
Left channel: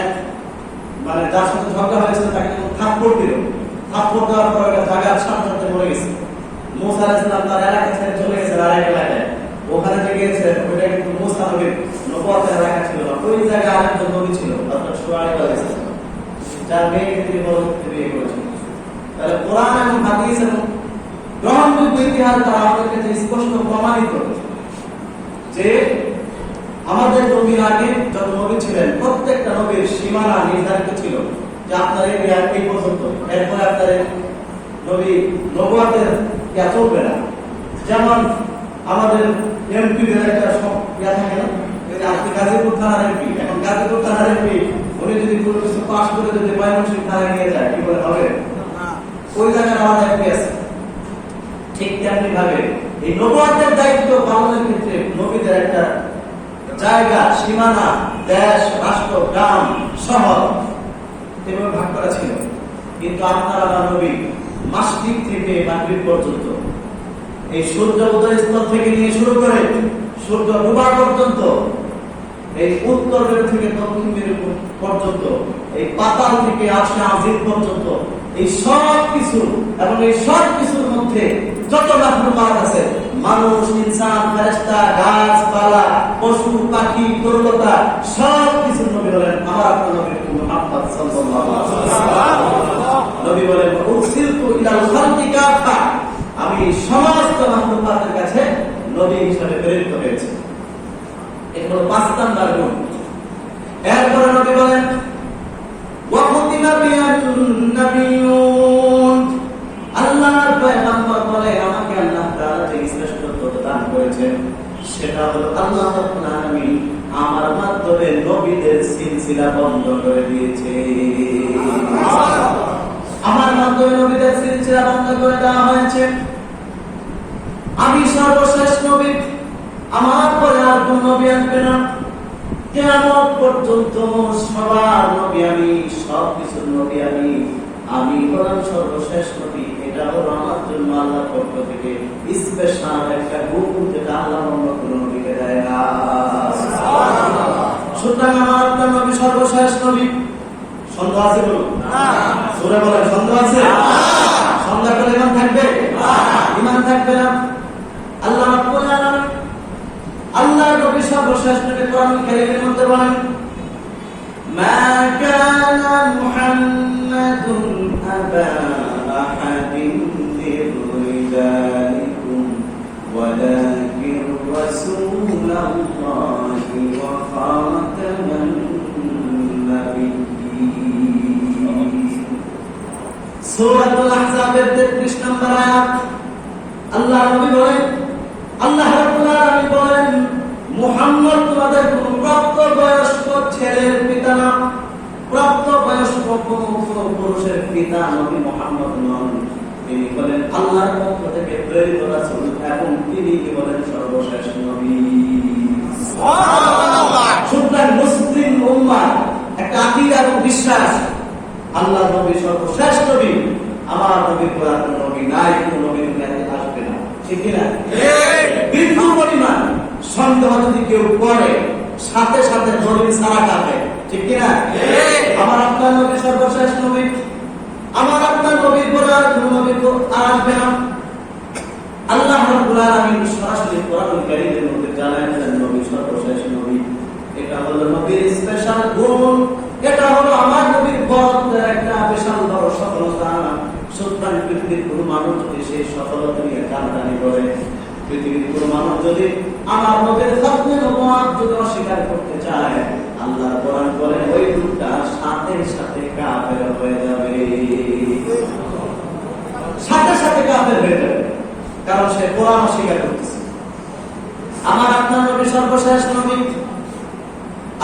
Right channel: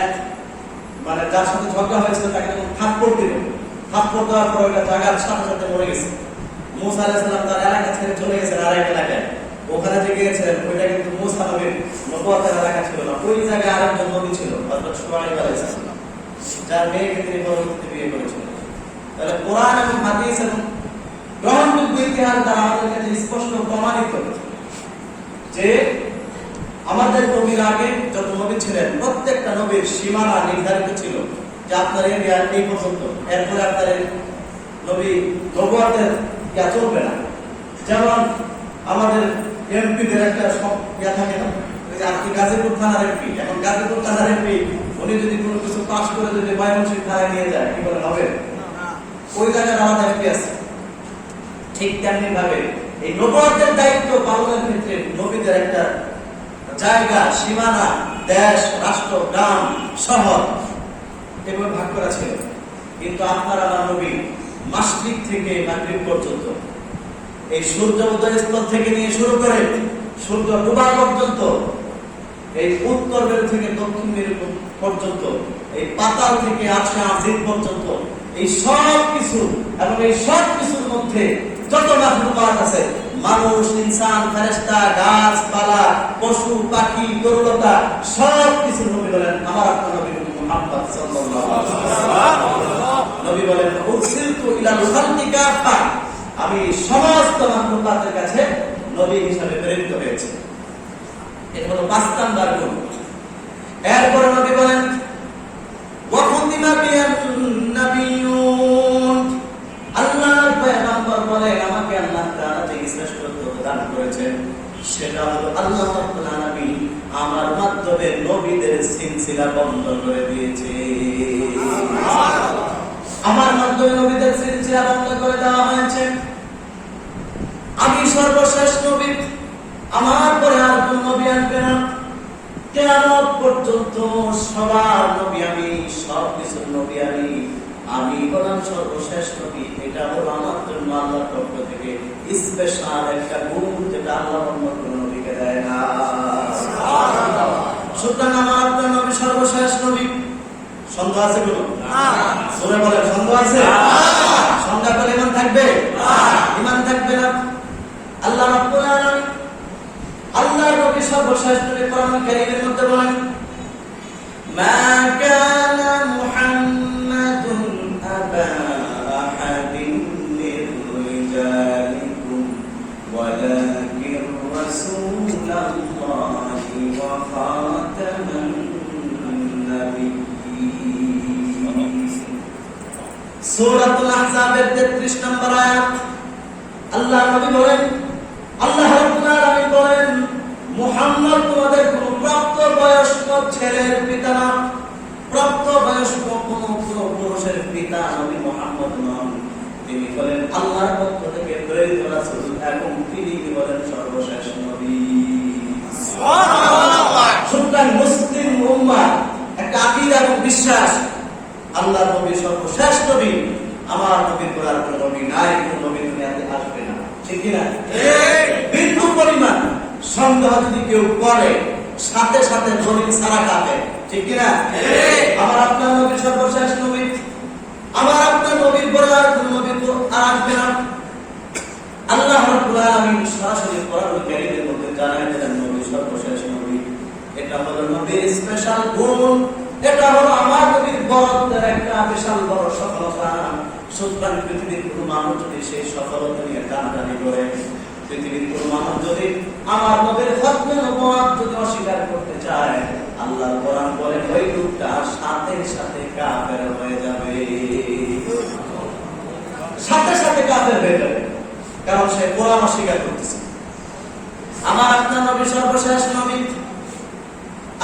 যার সাথে ঝগড়া হয়েছিল তাকে থাপ্পড় দিল, থাপ্পড় দেওয়ার পর একটা জায়গার সাথে সাথে মরে গেছে। মূসা আলাইহিস সালাম তার এলাকা ছেড়ে চলে গেছেন আরেক এলাকায়। ওখানে যে গিয়েছিলেন ওইটা কিন্তু মূসা নবীর নবুয়তের এলাকা ছিল না, ওই জায়গায় আরেকজন নবী ছিল, অর্থাৎ শুআয়ব আলাইহিস সালাম, যার মেয়েকে তিনি পরবর্তীতে বিয়ে করেছিলেন। তাহলে কোরআন এবং হাদিস এবং গ্রহণযোগ্য ইতিহাস দ্বারা আমাদের কাছে স্পষ্ট প্রমাণিত যে আমাদের নবীর আগে যত নবী ছিলেন প্রত্যেকটা নবীর সীমানা নির্ধারিত ছিল যে আপনার এই পর্যন্ত, এরপরে আপনার নবী নবুয়তের চলবে না। যেমন আমাদের এমপিদের একটা ইয়া থাকে না, আপনি গাজীপুর থানার এমপি, এখন গাজীপুর থানার এমপি উনি যদি কোনো কিছু পাস করে যদি ময়মনসিংহ থানায় নিয়ে যায় কি বলে হবে? ওই জায়গার আলাদা এমপি আছে। ঠিক তেমনি ভাবে এই নবুয়তের দায়িত্ব পালনের ক্ষেত্রে নবীদের একটা জায়গা, সীমানা, দেশ, রাষ্ট্র, গ্রাম, শহর এভাবে ভাগ করা ছিল। কিন্তু আপনার আমার নবী মাসরিক থেকে মাগরিব পর্যন্ত, এই সূর্য উদয় স্থল থেকে নিয়ে শুরু করে সূর্য ডোবা পর্যন্ত, এই উত্তর মেরু থেকে দক্ষিণ মেরু পর্যন্ত, এই পাতাল থেকে আরশে আজিম পর্যন্ত, এই সব কিছু এবং এই সব কিছুর মধ্যে যত মাখলুকাত আছে, মানুষ, ইনসান, ফেরেশতা, গাছপালা, পশু পাখি, তরুলতা, সব কিছু নবী বলেন আমার আপনার নবী মুহাম্মদ সাল্লাল্লাহু আলাইহি ওয়াসাল্লাম। নবী বলেন উরসিলতু ইলাল খালকি কাফা। আমি সমস্ত মাখলুকাতের কাছে নবী হিসেবে প্রেরিত হয়েছি। এটা হলো 5 নাম্বার গুণ। এরপরে নবী বলেন নাবিয়্যুন আল্লাহর পয়গম্বর বলে আমাকে আল্লাহ তাআলা যে শ্রেষ্ঠত্ব দান করেছেন সেটা হলো আল্লাহ রাব্বুল আলামিন আমার মাধ্যমে নবীদের সিলসিলা বন্ধ করে দিয়েছে। আমার মাধ্যমে নবীদের সিলসিলা বন্ধ করে দেওয়া হয়েছে। আমি সর্বশেষ নবী, আমার পরে আর কোন নবী আসবে না। কিয়ামত পর্যন্ত সবার নবী আমি, সব কিছুর নবী আমি। আমি হলাম সর্বশেষ নবী। এটা হলো আমার জন্য আল্লাহর পক্ষ থেকে স্পেশাল একটা গুণ, যেটা আল্লাহ অন্য কোন নবীকে দেয় না। সুতরাং আমার আপনার নবী সর্বশেষ নবী। সন্দেহ আছে কোনো? সূরা বলে সন্দেহ আছে? সন্দেহ করলে ঈমান থাকবে? ঈমান থাকবে না। আল্লাহ রাব্বুল আলামিন আল্লাহর নবী সর্বশেষ নবী কোরআন কারীমের মধ্যে বলেন মা কানা মুহাম্মাদুন আবা আহাদিন মির রিজালিকুম ওয়ালাকিন রাসূলুল্লাহি ওয়া খাতামান নাবিয়্যিন। সূরাতুল আহজাবের 33 নম্বর আয়াত। আল্লাহ নবী বলেন, আল্লাহ রাব্বুল আলামিন বলেন মুহাম্মদ তোমাদের কোন প্রাপ্তবয়স্ক ছেলের পিতা না, প্রাপ্তবয়স্ক কোন পুরুষের পিতা নবী মুহাম্মদ নন। তিনি বলেন আল্লাহর পক্ষ থেকে প্রেরিত রাসূল এবং তিনি বলেন সর্বশেষ নবী। সুবহানাল্লাহ। সুতরাং মুসলিম উম্মাহ একটা আকীদা এবং বিশ্বাস, আল্লাহর নবী সর্বশেষ নবী। আমার নবীর পর আর কোন নবী নাই, কোন নবী দুনিয়াতে আসবে না। ঠিক কি না? বিন্দু পরিমাণ সন্দেহ যদি কেউ করে সাথে সাথে দলিল ছাড়া কাটে। ঠিক কি না? আমার আপনার নবী সর্বশেষ নবী। আমার আপনার নবীর পর আর কোন নবী আসবে না। আল্লাহ রাব্বুল আলামিন সরাসরি কোরআন কারীমের মধ্যে জানালেন নবী সর্বশেষ নবী। এটা হলো নবীর স্পেশাল গুণ। এটা হলো আমার নবীর বড়ত্বের একটা বিশাল বড় সফলতা। সুতরাং পৃথিবীর কোন মানুষ যদি সেই সফলতা নিয়ে টানাটানি করে, পৃথিবীর কোন মানুষ যদি আমার নবীর খতমে নবুওয়াত যদি অস্বীকার করতে চায়, আল্লাহ কোরআন বলেন ওই লোকটা সাথে সাথে কাফের হয়ে যাবে। সাথে সাথে কাফের হয়ে যাবে, কারণ সে কোরআন অস্বীকার করতেছে। আমার আপনার নবী সর্বশেষ নবী।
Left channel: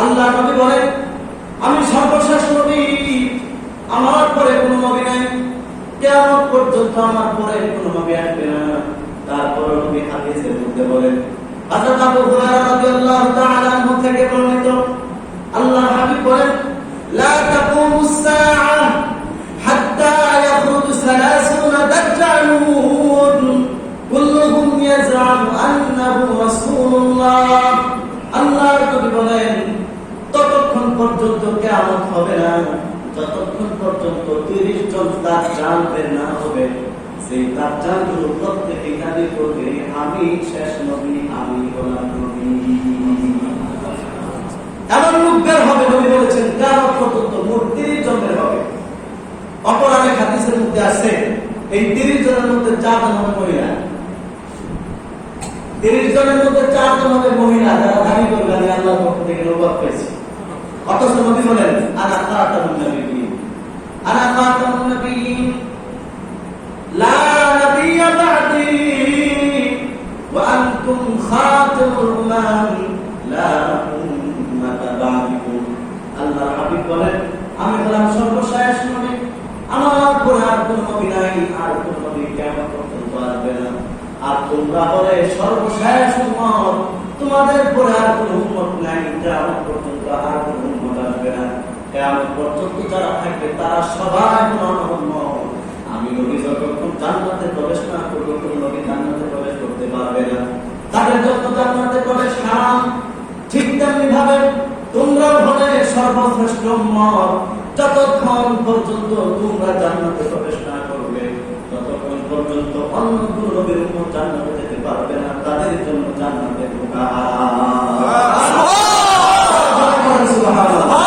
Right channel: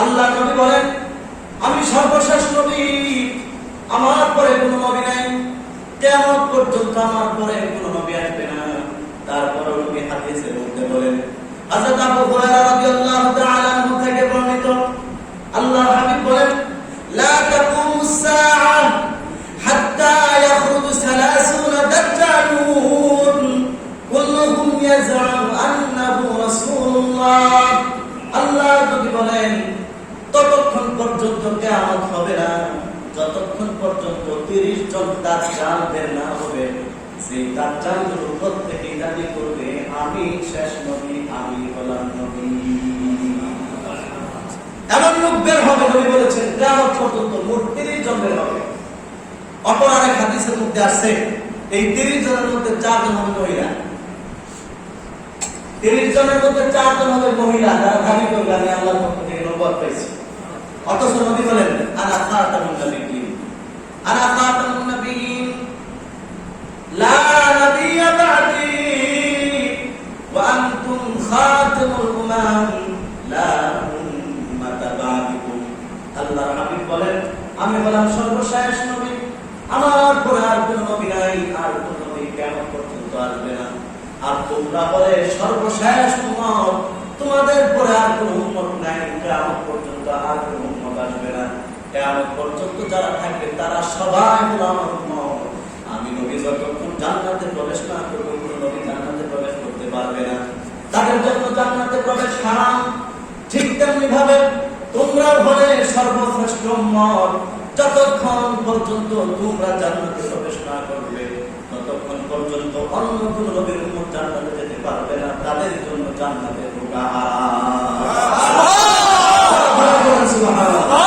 আল্লাহ নবী বলেন আমি সর্বশেষ নবী, আমার পরে কোনো নবী নাই। কিয়ামত পর্যন্ত আমার পরে কোনো নবী আসবে না। তারপর নবী হাদিসের মধ্যে বলেন, হযরত আবু হুরায়রা রাদিয়াল্লাহু তাআলা আনহু থেকে বর্ণিত, আল্লাহর হাবিব বলেন লা তাকুমুস সাআহ হাত্তা ইয়াখরুজু 30 দাজ্জালুন কুল্লুহুম ইয়াজআমু আন্নাহু রাসূলুল্লাহ। আল্লাহর নবী বলেন ততক্ষণ পর্যন্ত কিয়ামত হবে না যতক্ষণ পর্যন্ত 30 জন দাজ্জাল বের না হবে। সেই দাজ্জালগুলো প্রত্যেকে দাবি করবে আমি শেষ নবী, আমি হলাম নবী। এমন লোক বের হবে, নবী বলেছেন কিয়ামত পর্যন্ত মোট 30 জন বের হবে। অপর আরেক হাদিসের মধ্যে আছে এই 30 জনের মধ্যে 4 জন হবে মহিলা। 30 জনের মধ্যে 4 জন হবে মহিলা যারা দাবি করবে আমি আল্লাহর পক্ষ থেকে নবুয়ত পেয়েছি। অথচ নবী বলেন আনা খাতামুন নবিয়্যিন, আনা খাতামুন নবিয়্যিন লা নাবিয়্যা বা'দি ওয়া আনতুম খাতামুল উমাম লা উম্মাতা বা'দিকুম। আল্লাহর হাবিব বলেন আমি হলাম সর্বশেষ নবী, আমার পরে আর কোন নবী নাই, আর কোন নবী কিয়ামত পর্যন্ত আসবে না। আর তোমরা বলে সর্বশেষ উম্মত, তোমাদের পরে আর কোন উম্মত নাই, কিয়ামত পর্যন্ত আর কোন উম্মত আসবে না। কিয়ামত পর্যন্ত যারা থাকবে তারা সবাই আমার উম্মত। আমি নবী যতক্ষণ জান্নাতে প্রবেশ না করব, কোন নবী জান্নাতে প্রবেশ করতে পারবে না। তাদের জন্য জান্নাতে প্রবেশ হারাম। ঠিক তেমনি ভাবে তোমরা হলে সর্বশ্রেষ্ঠ উম্মত। যতক্ষণ পর্যন্ত তোমরা জান্নাতে প্রবেশ না করবে ততক্ষণ পর্যন্ত অন্য কোন নবীর উম্মত জান্নাতে যেতে পারবে না। তাদের জন্য জান্নাতে ঢোকা সুবহানাল্লাহ।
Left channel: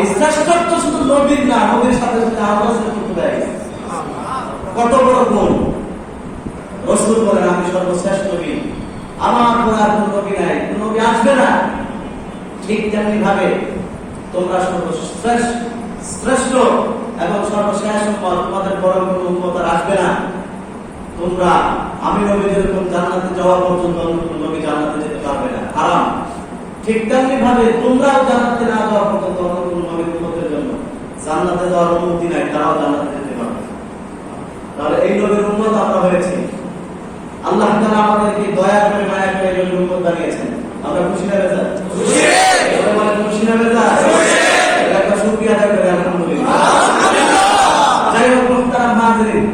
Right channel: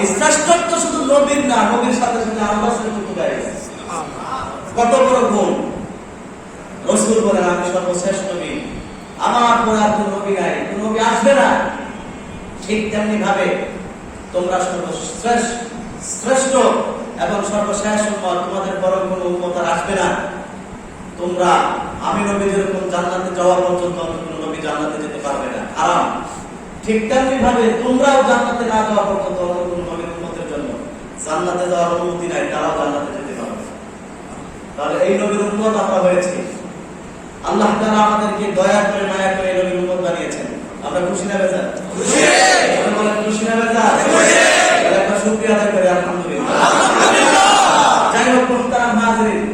এই শ্রেষ্ঠত্ব শুধু নবীর না, নবীর সাথে সাথে আমরা শ্রেষ্ঠত্ব দেয়। কত বড় গুণ! রাসূল বলেন আমি সর্বশেষ নবী, আমার পর আর কোন নবী নাই, কোন নবী আসবে না। ঠিক তেমনি ভাবে তোমরা সর্বশ্রেষ্ঠ এবং সর্বশেষ উম্মত, তোমাদের বড় কোনো উম্মত আর আসবে না। তোমরা আমি নবী যেরকম জান্নাতে যাওয়া পর্যন্ত অন্য কোনো নবী জান্নাতে যেতে পারবে না, হারাম। ঠিক তেমনি ভাবে তোমরাও জান্নাতে না যাওয়া পর্যন্ত অন্য কোনো নবীর উম্মতের জন্য জান্নাতে যাওয়ার অনুমতি নাই, তারাও জান্নাতে যেতে পারবে। তাহলে এই নবীর উম্মত আমরা হয়েছি। আল্লাহ তাআলা আমাদেরকে দয়া করে মায়া করে এই নবীর উম্মত বানিয়েছেন। আমরা খুশি না বেজার? খুশি। আমরা খুশি না বেজার? আমরা শুকরিয়া আদায় করি আলহামদুলিল্লাহ। যাই হোক মুহতারাম হাজিরিন,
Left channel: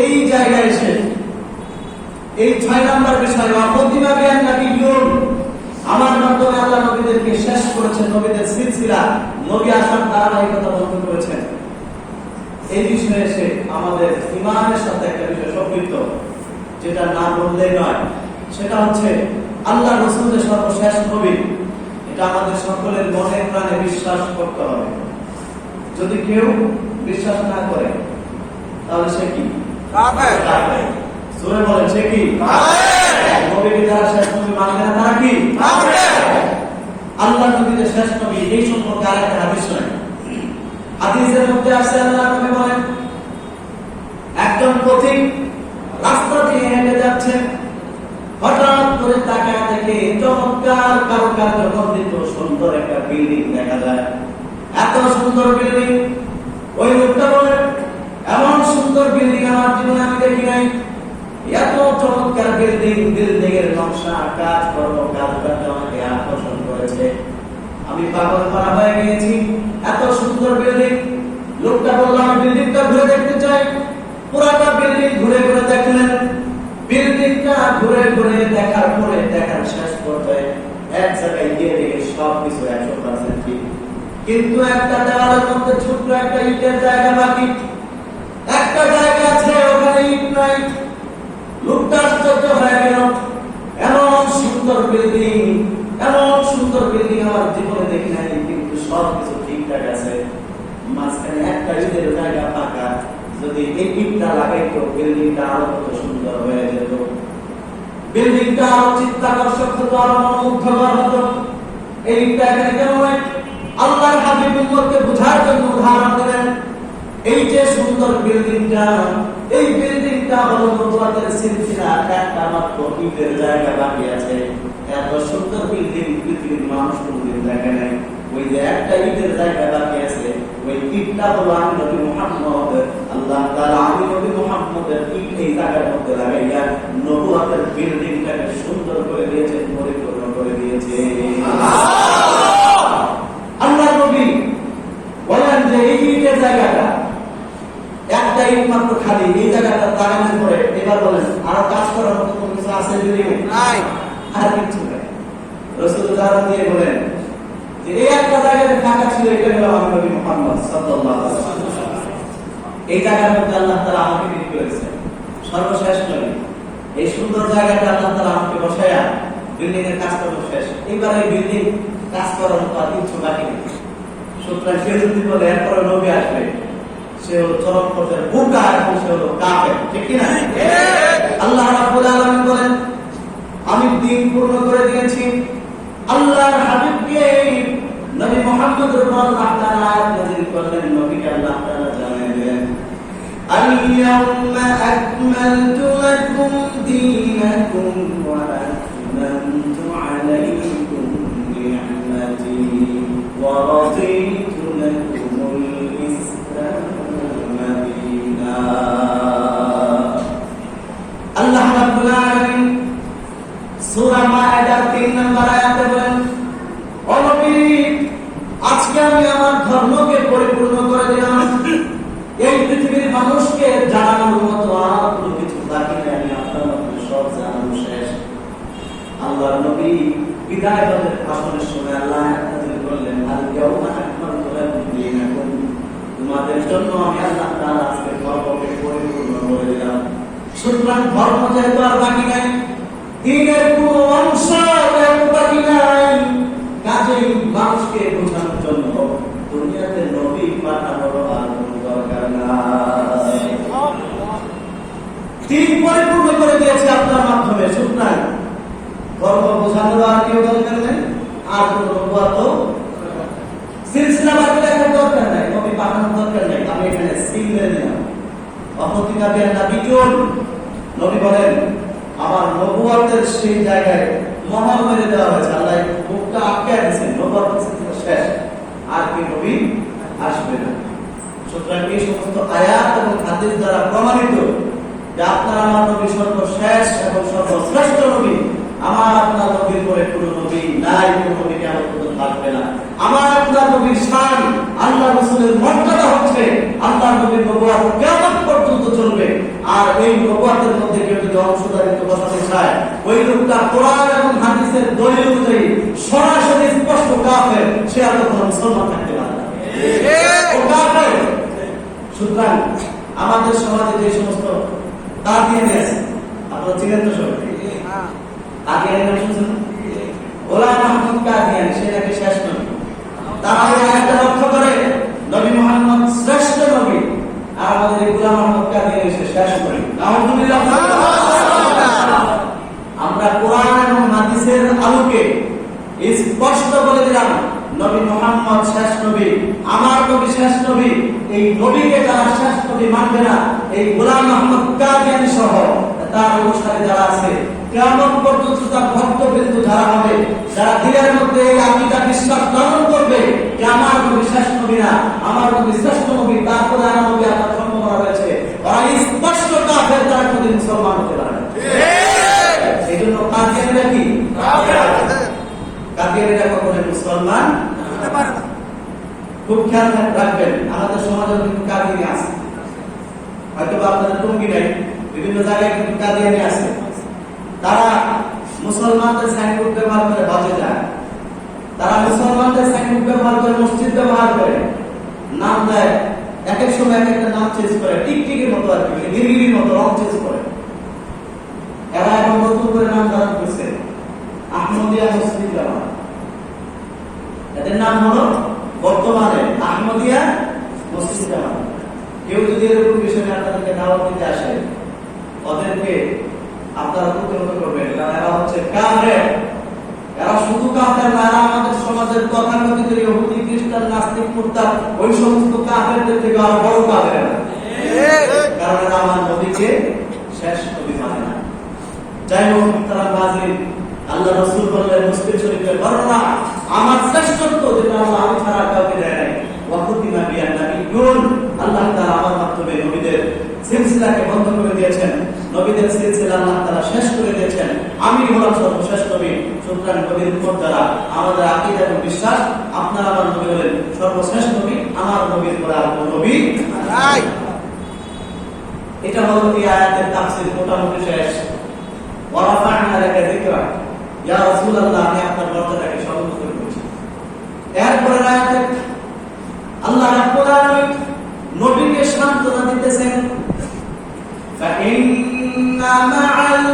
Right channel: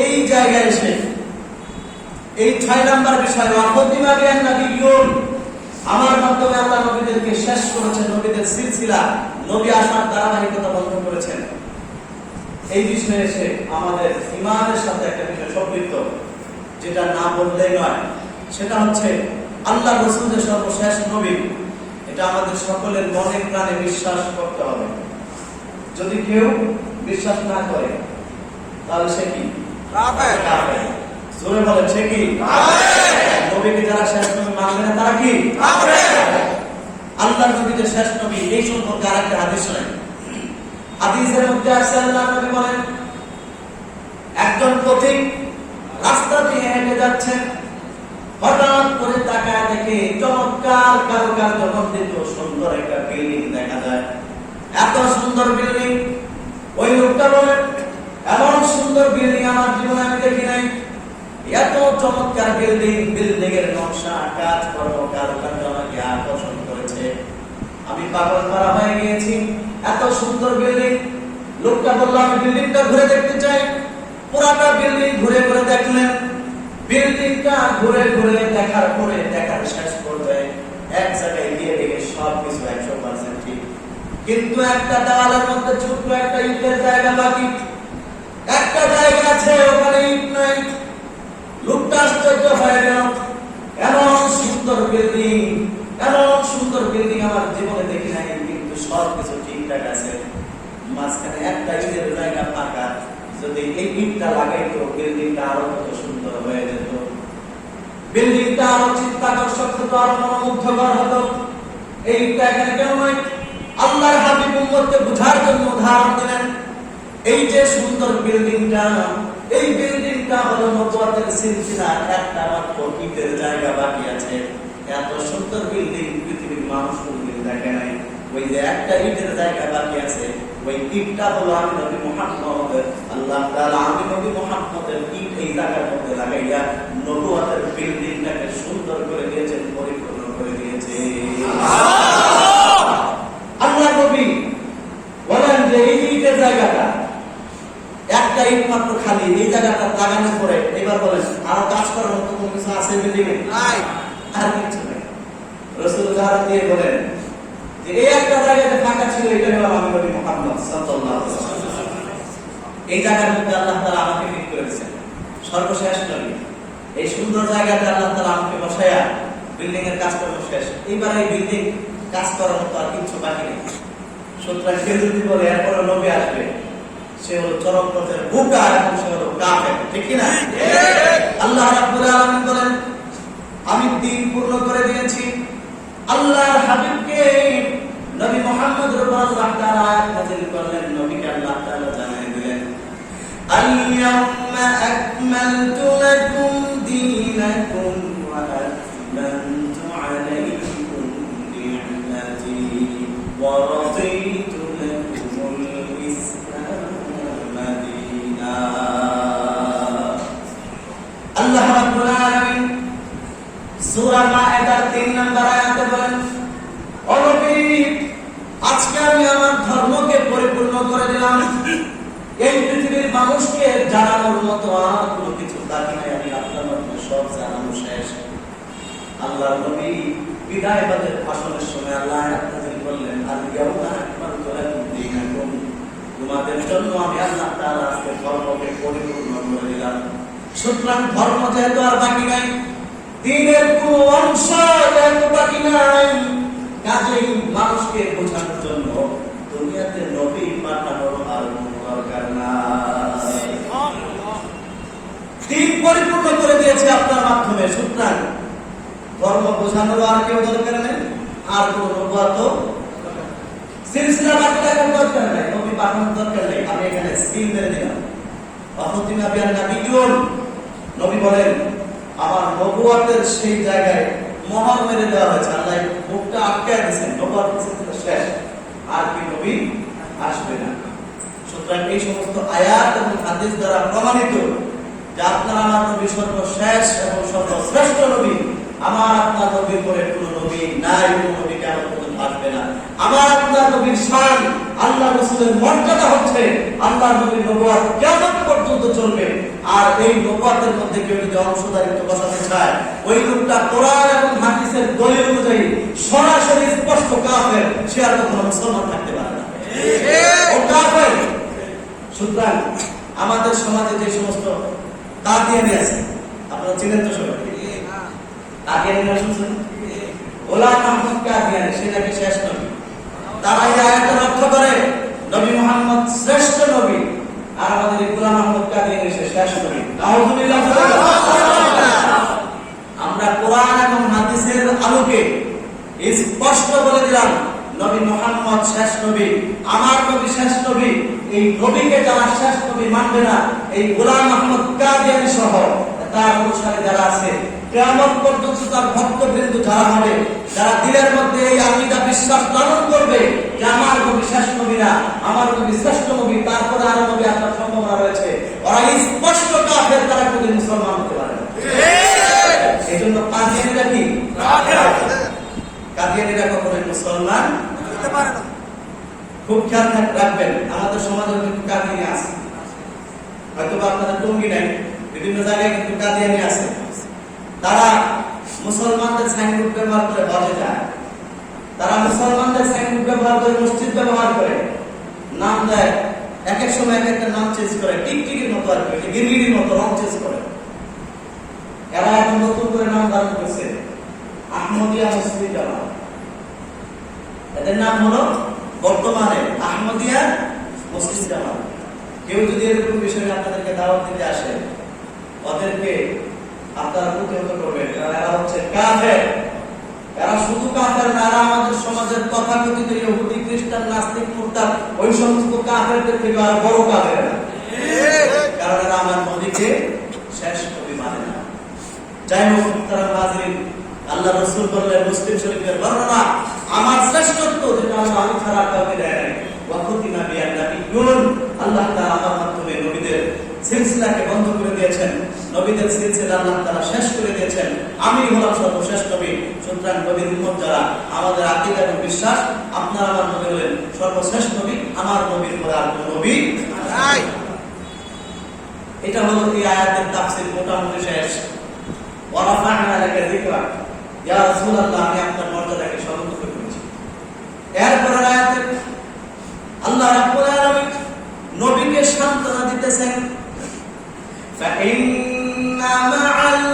এই জায়গায় এসে এই 6 নাম্বার বিষয় ওয়াফদিমা বিআন নবিয়্যুন, আমার মাধ্যমে আল্লাহ নবীদেরকে শেষ করেছেন, নবীদের সিলসিলা, নবী আসার ধারাবাহিকতা বন্ধ করেছেন। এই বিষয়ে এসে আমাদের ঈমানের সাথে একটা বিষয় সম্পৃক্ত, যেটা না বললেই নয়, সেটা হচ্ছে আল্লাহ রাসূলের সর্বশেষ নবী। এটা আমাদের সকলের মনে প্রাণে বিশ্বাস করতে হবে। যদি কেউ বিশ্বাস না করে তাহলে সে কি? কাফের। জোরে বলেন, সে কি? কাফের। নবীকে যারা শেষ নবী মানবে না তারা কি? কাফের। আল্লাহর নবীদের শেষ নবী, এই সম্পর্কে আরেকটা হাদিস নয়। হাদিসের মধ্যে আছে আল্লাহর নবী বলেন, একজন পথিক রাস্তা দিয়ে হেঁটে যাচ্ছেন, হঠাৎ করে তাকায় দেখে চমৎকার কারুকার্য মণ্ডিত সুন্দর একটা বিল্ডিং দেখা যায়। এত সুন্দর বিল্ডিং, ওই লোকটা বলে, এমন সুন্দর বিল্ডিং আমার জীবনে আমি দেখি নাই। এত চমৎকার বিল্ডিং, বিল্ডিং এর নকশা, কাজ কর্ম, কারুকার্য আমাকে আকর্ষণ করেছে। আমি পাগল করা হয়ে গিয়েছি, এত সুন্দর বিল্ডিং। লোকটা বলল, আমি বিল্ডিংটা ঘুরে দেখতে চাই। পুরাটা বিল্ডিং ঘুরে ঘুরে দেখলেন। বিল্ডিংটা ঘুরে ঘুরে দেখার পরে দেখার শেষ পর্যায়ে এক জায়গায় গিয়ে দেখে সবকিছু 100% ঠিক, কিন্তু একটা দেওয়ালের মধ্যে ছোট্ট একটা ইটের জায়গা বাকি। একটা জায়গা আছে, ওখানে ইট নাই। লোকটা আশ্চর্য হয়ে গেল, এমন সুন্দর বিল্ডিং, এমন সুন্দর বিল্ডিং আমার জীবনে দেখি নাই, কিন্তু সবকিছু ঠিকঠাক আছে। মাঝখানে একটা ইটের জায়গা ফাঁকা, যদি এই ইটটা লাগাইতো বিল্ডিংটা আরো কত সুন্দর হয়ে যেত। বিল্ডিংটা আরো চিত্তাকর্ষক হতো, আরো মনোমুগ্ধকর হতো। এই ইটটা এখানে কেন নয়? আল্লাহর হাবিব উম্মতকে বোঝার জন্য উদাহরণ দিলেন। এই যে সুন্দর বিল্ডিংটা, এই বিল্ডিংটা হলো নবুয়তের সিলসিলা, একটা মাত্র ইটের জায়গা বাকি আছে। এত সুন্দর বিল্ডিং পৃথিবীর মানুষ কোনদিন দেখে নাই। ওই যে একটা ইটের জায়গা বাকি আছে, ওই ইটটা হলো আমি নবী মুহাম্মদ। আল্লাহ তাআলা আমি নবী মুহাম্মদের ইট এই জায়গার মধ্যে লাগাইয়া নবুয়তের বিল্ডিংটাকে সুন্দর করে দিয়েছেন, পরিপূর্ণ করে দিয়েছেন। আল্লাহ নবী বলেন যে এই ইটের জায়গাটা, একটা ইট মাত্র খালি, এই জায়গাটা লাগানোর পরে এবার বলেন আরো কাজ করার মতো কোনো কিছু আছে বিল্ডিং এ? নাই, আর কিছু নেই। রাসূল উদাহরণ দিয়ে বলেন যে এই একটা জায়গাতে ফাঁকা ছিল, এটা হলো আমি নবী মুহাম্মদ সাল্লাল্লাহু আলাইহি ওয়াসাল্লাম। এই জায়গার মধ্যে আল্লাহ তাআলা আমাকে তৈরি করেছেন, সর্বশেষ নবী। এই সুন্দর জায়গাতে আল্লাহ তাআলা আমাকে বসায়া বিল্ডিং এর কাজ করা শেষ। এইবার এই বিল্ডিং কাজ করার মতো আর কিছু বাকি নেই। সুতরাং কেউ যদি বলে এরপরে নবী আসবে, সে হলো চরম পথের বোকা এবং সে হলো কাফের, ঠিক কি না? আল্লাহ রাব্বুল আলামিন বলেন, আমি দ্বীন পূর্ণ করে দিয়েছি। আল্লাহর হাবিবকে নবী মুহাম্মদের উপর আল্লাহ তাআলা আয়াত নাযিল করলেন, নবীকে আল্লাহ তাআলা জানিয়ে দিলেন, আল-ইয়াউমা আকমালতু লাকুম দীনাকুম ওয়া আতমামতু আলাইকুম নি'মাতি ওয়া রাদিতু লাকুমুল ইসলাম দীনা। আল্লাহ রাব্বুল আলামিন সূরা মায়েদার 3 নম্বর আয়াতে বলেন, ও নবী, আজকে আমি আমার ধর্মকে পরিপূর্ণ করে দিলাম। এই পৃথিবীর মানুষকে জানানোর মতো আর কোনো কিছু বাকি নেই, আমি আপনার মাধ্যমে সব জানানো শেষ। আল্লাহর নবী বিদায়বাদের ভাষণের সময় আল্লাহ আয়াত নাযিল করলেন, আল-ইয়াউমা আকমালতু লাকুম দীনাকুম, তোমাদের জন্য আমি আল্লাহ তাআলা আজকে ধর্মকে পরিপূর্ণ করে দিলাম। সুতরাং ধর্ম যেহেতু আর বাকি নাই, দ্বীনের কোনো অংশ যেহেতু বাকি নাই, কাজেই মানুষকে বোঝানোর জন্য দুনিয়াতে নবী পাঠানোর আর কোনো দরকার নাই। দ্বীন পরিপূর্ণ করে দিয়েছে আপনার মাধ্যমে। সুতরাং ধর্ম বোঝানোর আর কেউ দরকার নেই, আর কোনো নবুয়ত সিলসিলা বাকি রাখার দরকার নেই, নবী পাঠানোর দরকার খতিমা বিয়ান নবিয়্যুন, নবী বলেন আমার নবুয়তের সেই জায়গায় মহর মেরে দেওয়া হয়েছে, আল্লাহ মুখটা আটকে দিয়েছেন, নবুয়ত শেষ, আর কি নবী আসবে না। সুতরাং এই সমস্ত আয়াত এবং হাদিস দ্বারা প্রমাণিত যে আপনার আমার নবী সর্বশেষ এবং সর্বশ্রেষ্ঠ নবী। আমার আপনার নবীর পরে কোনো নবী নাই, কোনো নবী কেমন পর্যন্ত আসবে না। আমার আপনার নবীর শান, আল্লাহ রাসূলের মর্যাদা হচ্ছে আল্লাহ নবীর নবুয়ত কিয়ামত পর্যন্ত চলবে। আর এই নবুয়তের মধ্যে কেউ যদি অংশদারিত্ব বসাতে চায়, ওই লোকটা কোরআন এবং হাদিসের দলিল অনুযায়ী সরাসরি স্পষ্ট কাফের, সে আর কখনো মুসলমান থাকতে পারে না, ও কাফের। সুতরাং আমাদের সমাজে যে সমস্ত কাদিয়ানি আছে, আপনারা চিনেন তো সবাই, কাদিয়ানি নাম শুনছেন? গোলাম আহমদ কাদিয়ানি, সে নাকি শেষ নবী। তারা এই আয়াতের অর্থ করে নবী মুহাম্মদ শ্রেষ্ঠ নবী, আর আমাদের এই গোলাম আহমদ কাদিয়ানি সে শেষ নবী। নাউযুবিল্লাহ। আমরা কোরআন এবং হাদিসের আলোকে স্পষ্ট বলে দিলাম নবী মুহাম্মদ শেষ নবী, আমার নবী শেষ নবী। এই নবীকে যারা শেষ নবী মানবে না, এই গোলাম আহমদ কাদিয়ানি সহ তার অনুসারী যারা আছে, কিয়ামত পর্যন্ত তার ভক্তবৃন্দ যারা হবে, যারা দিলের মধ্যে এই আকীদা বিশ্বাস ধারণ করবে যে আমার নবী শেষ নবী না, আমার নবী শ্রেষ্ঠ নবী, তারপরে আর নবী আসার সম্ভাবনা রয়েছে, ওরা স্পষ্ট কাফের, তারা কোনদিন মুসলমান হতে পারে না। এই জন্য কাদিয়ানিরা কি? কাদিয়ানিরা কখনো মুসলমান হতে পারে না। খুব খেয়াল রাখবেন, আমাদের সমাজে কিন্তু কাদিয়ানি আছে, হয়তো আপনাদের টঙ্গী নাই, বিভিন্ন জায়গায় কিন্তু কাদিয়ানি আছে। তারা মুসলমানদের সাইনবোর্ড ব্যবহার করে হজে যায়, তারা মুসলমানদের সাইনবোর্ড ব্যবহার করে মসজিদ ব্যবহার করে, নাম দেয়, এক এক সময় এক একটা নাম চেঞ্জ করে, টিকটিকির মতো আর কি, গিরগিরির মতো রং চেঞ্জ করে। এরা এখন নতুন করে নাম ধারণ করেছে আহমদিয়া মসজিদ জামাত। এদের নাম হলো বর্তমানে আহমদিয়া মসজিদ জামাত। কেউ যদি এরকম বিষয়ে আপনাদেরকে দাওয়াত দিতে আসে, ওদেরকে আপনারা প্রতিহত করবেন, কারণ এরা হচ্ছে কাফের। এরা শুধু কাফের না, এরা আমাদের সমাজের তথাকথিত ইহুদি, খ্রিস্টান, নাস্তিক, মুরতাদ, ওই সমস্ত কাফেরদের থেকে আর বড় কাফের এরা। কারণ এরা আমার নবীকে শেষ নবী মানে না। যাই হোক, তারা হাজির, আল্লাহ রাসূল বললেন মুসলিম শরীফের বর্ণনা, আমার শ্রেষ্ঠত্ব যেটা আমি ছাড়া কাউকে দেয় নাই। ওয়াকুতিমা বিয়ান নবিয়্যুন, আল্লাহ তাআলা আমার মাধ্যমে নবীদের সিলসিলাকে বন্ধ করে দিয়েছেন, নবীদের সিলসিলা আল্লাহ তাআলা শেষ করে দিয়েছেন। আমি হলাম সর্বশেষ নবী। সুতরাং নবীর উম্মত যারা, আমাদের আকীদা এবং বিশ্বাস, আপনারা আমার নবী হলেন সর্বশেষ নবী, আমার নবীর পরে আর কোনো নবী নাই। এটা হলো এই আয়াতের তাফসীর, মোটামুটি শেষ। ওয়ারাফা'না লাকা যিকরা, ইয়া রাসূলুল্লাহ, আমি আপনার মর্যাদাকে সমুন্নত করেছি। এরপরে আয়াতে আল্লাহ রাব্বুল আলামিন নবীকে সান্ত্বনা দিতেছেন, ফাইন্না মা'আল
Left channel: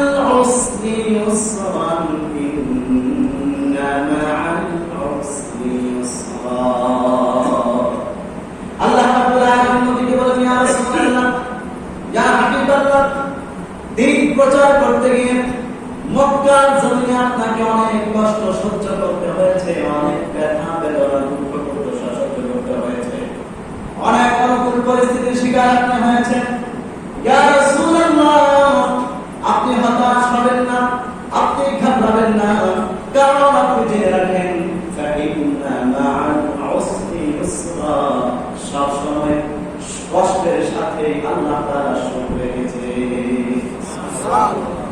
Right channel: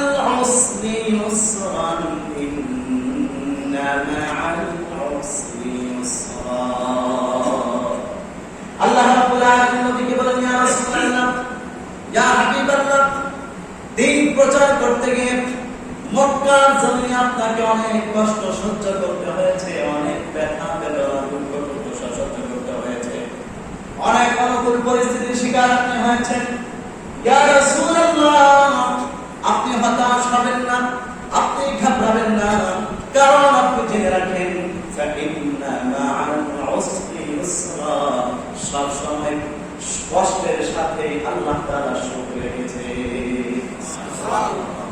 উসরি ইউসরান, ইন্না মা'আল উসরি ইউসরা। আল্লাহ রাব্বুল আলামিন নবীকে বলেন, ইয়া রাসূলুল্লাহ, ইয়া হাবিবাল্লাহ, দিন প্রচার করতে গিয়ে মক্কার জমিনে আপনাকে অনেক কষ্ট সহ্য করতে হয়েছে, অনেক ব্যথা বেদনা দুঃখ দুর্দশা সহ্য করতে হয়েছে, অনেক অনুকূল পরিস্থিতির শিকার আপনি হয়েছেন। ইয়া রাসূলুল্লাহ, আপনি হতাশ হবেন না, আপনি ঘাবড়াবেন না, কারণ আপনি জেনে রাখেন ফাইন্না মা'আল উসরি ইউসরা, সব সময় কষ্টের সাথে আল্লাহ তাআলা সুখ রেখেছে,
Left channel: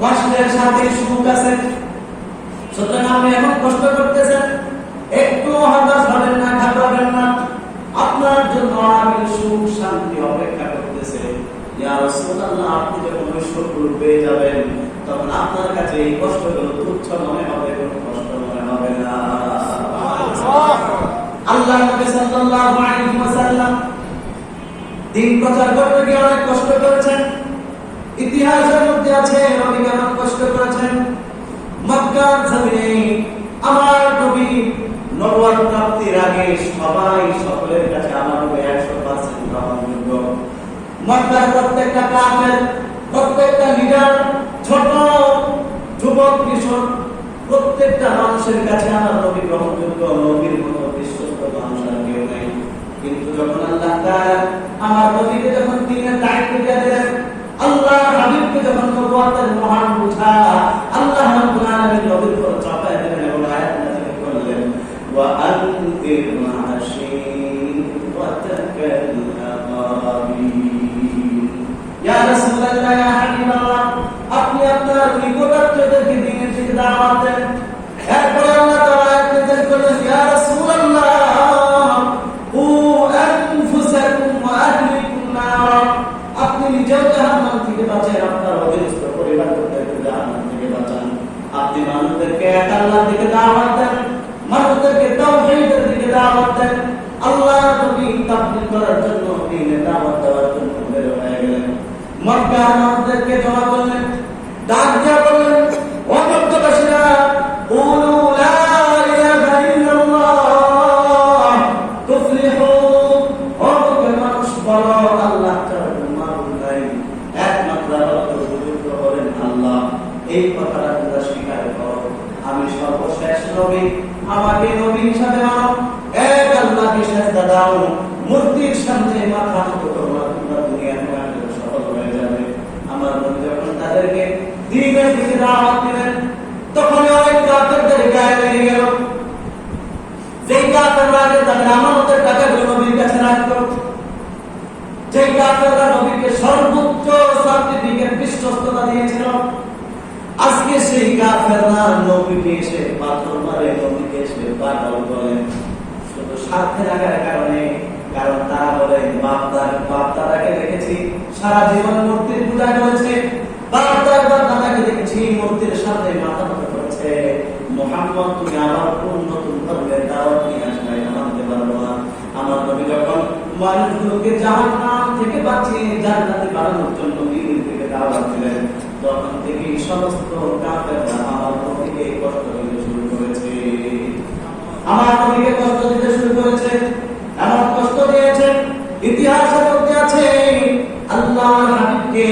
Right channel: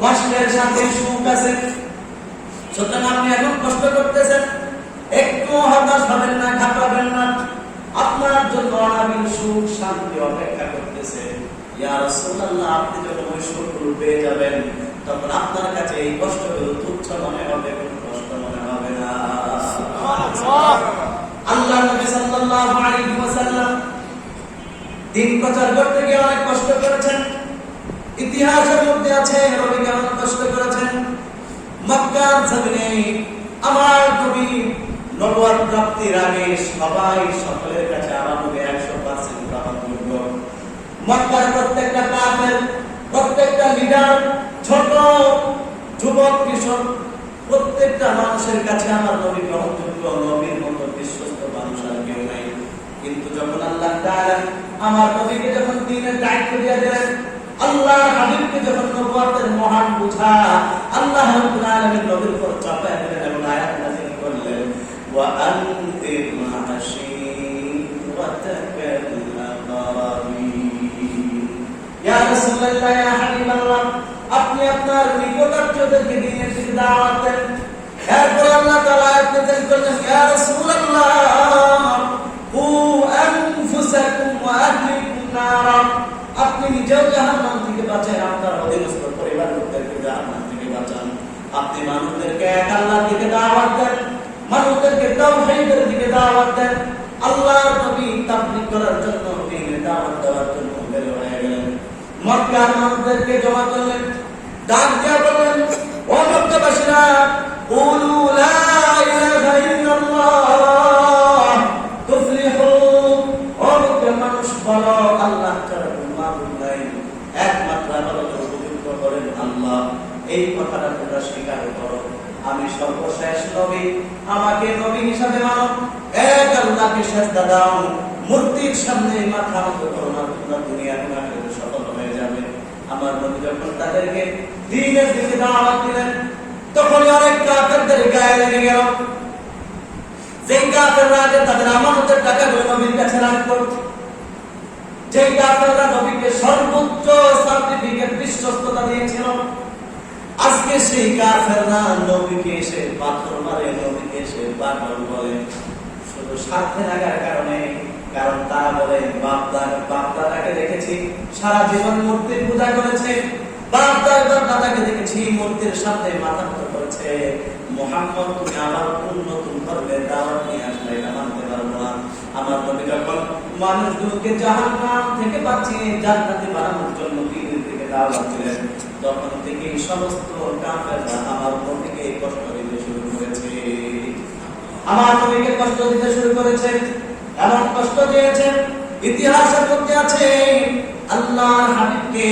কষ্টের সাথে সুখ আছে। সুতরাং আপনি এখন কষ্ট করতেছেন, একটু হতাশ হবেন না, ঘাবড়াবেন না, আপনার জন্য আমিন সুখ শান্তি অপেক্ষা করতেছে। ইয়া রাসূলুল্লাহ, আপনি যখন ওই সুখগুলো পেয়ে যাবেন, তখন আপনার কাছে এই কষ্টগুলো তুচ্ছ মনে হবে, কোনো কষ্ট মনে হবে না। আল্লাহ নবী সাল্লাল্লাহু আলাইহি ওয়াসাল্লাম দিন প্রচার করতে গিয়ে অনেক কষ্ট করেছেন। ইতিহাসের মধ্যে আছে নবী কেমন কষ্ট করেছেন। মক্কার জমিনে আমার নবী নবুয়ত প্রাপ্তির আগে সবাই সকলের কাছে আমার নবী 100% গ্রহণযোগ্য। মক্কার প্রত্যেকটা কাফের, প্রত্যেকটা লিডার, ছোট যুবক কিশোর, প্রত্যেকটা মানুষের কাছে আমার নবী গ্রহণযোগ্য। নবীর মতো বিশ্বস্ত মানুষ আর কেউ নাই। কিন্তু যখন আল্লাহ তাআলা আমার নবীকে যখন দ্বীনের দায়িত্ব দিয়ে দিলেন, নবুয়তের মহান বোঝা আল্লাহ রাব্বুল আলামিন নবীর উপর চাপায় দিলেন এবং আয়াত নাযিল করলেন ওয়া আনদির মাশীরাতাকাল আকারাবিন। ইয়া রাসূলুল্লাহ, ইয়া হাবিবাল্লাহ, আপনি আপনার নিকটাত্মীয়দেরকে দ্বীনের দিকে দাওয়াত দেন। এরপরে আল্লাহ তাআলা আয়াত নাযিল করলেন ইয়া রাসূলুল্লাহ কু আনফুসাকুম ওয়া আহলিকুম নারা, আপনি নিজেও জাহান্নাম থেকে বাঁচান, আপনার অধীনস্থ পরিবারকে জাহান্নাম থেকে বাঁচান। আপনি মানুষদেরকে এক আল্লাহর দিকে দাওয়াত দেন, মানুষদেরকে তাওহীদের দিকে দাওয়াত দেন। আল্লাহর নবী তাবলীগ করার জন্য দ্বীনের দাওয়াত দেওয়ার জন্য বের হয়ে গেলেন। মক্কার মানুষদেরকে জমা করলেন, ডাক দিয়া বললেন ও মক্কাবাসীরা কুলু লা ইলাহা ইল্লাল্লাহ তুফলিহু, ও মক্কার মানুষ বলো আল্লাহ ছাড়া মাবুদ নাই, একমাত্র উপযুক্ত করেন আল্লাহ। এই কথাটা তোমরা স্বীকার করো, আমি সর্বশেষ নবী, আমাকে নবী হিসাবে মানো, এক আল্লাহকে সিজদা দাও, মূর্তির সামনে মাথা নত করো না, তোমরা দুনিয়ার মাঝে সফল হয়ে যাবে। আমার নবী যখন তাদেরকে দ্বীনের দিকে দাওয়াত দিলেন, তখন অনেক কাফেরদের গায়ে লেগে গেল। যেই কাফেররা তাদের আমানতের টাকাগুলো নবীর কাছে রাখত, যে কাফেররা নবীকে সর্বোচ্চ সার্টিফিকেট বিশ্বস্ততা দিয়েছিল, আজকে সেই কাফেররা নবীকে এসে পাথর মারে, নবীকে এসে পাগল বলে, শুধু স্বার্থে লাগার কারণে। কারণ তারা বলে বাপ দাদাকে দেখেছি সারা জীবন মূর্তির পূজা করেছে, বাপ দাদাকে দেখেছি মূর্তির সামনে মাথা নত করেছে, মুহাম্মদ তুমি আবার কোন নতুন ধর্মের দাওয়াত নিয়ে আসলে মানতে পারবো না। আমার নবী যখন মানুষগুলোকে জাহান্নাম থেকে বাঁচিয়ে জান্নাতে বানানোর জন্য দ্বীনের দিকে দাওয়াত দিলেন, তখন থেকে সমস্ত কাফেররা আমার নবীকে কষ্ট দিতে শুরু করেছে, আমার নবীকে কষ্ট দিতে শুরু করেছে। এমন কষ্ট দিয়েছে, ইতিহাসের মধ্যে আছে আল্লাহর হাবিবকে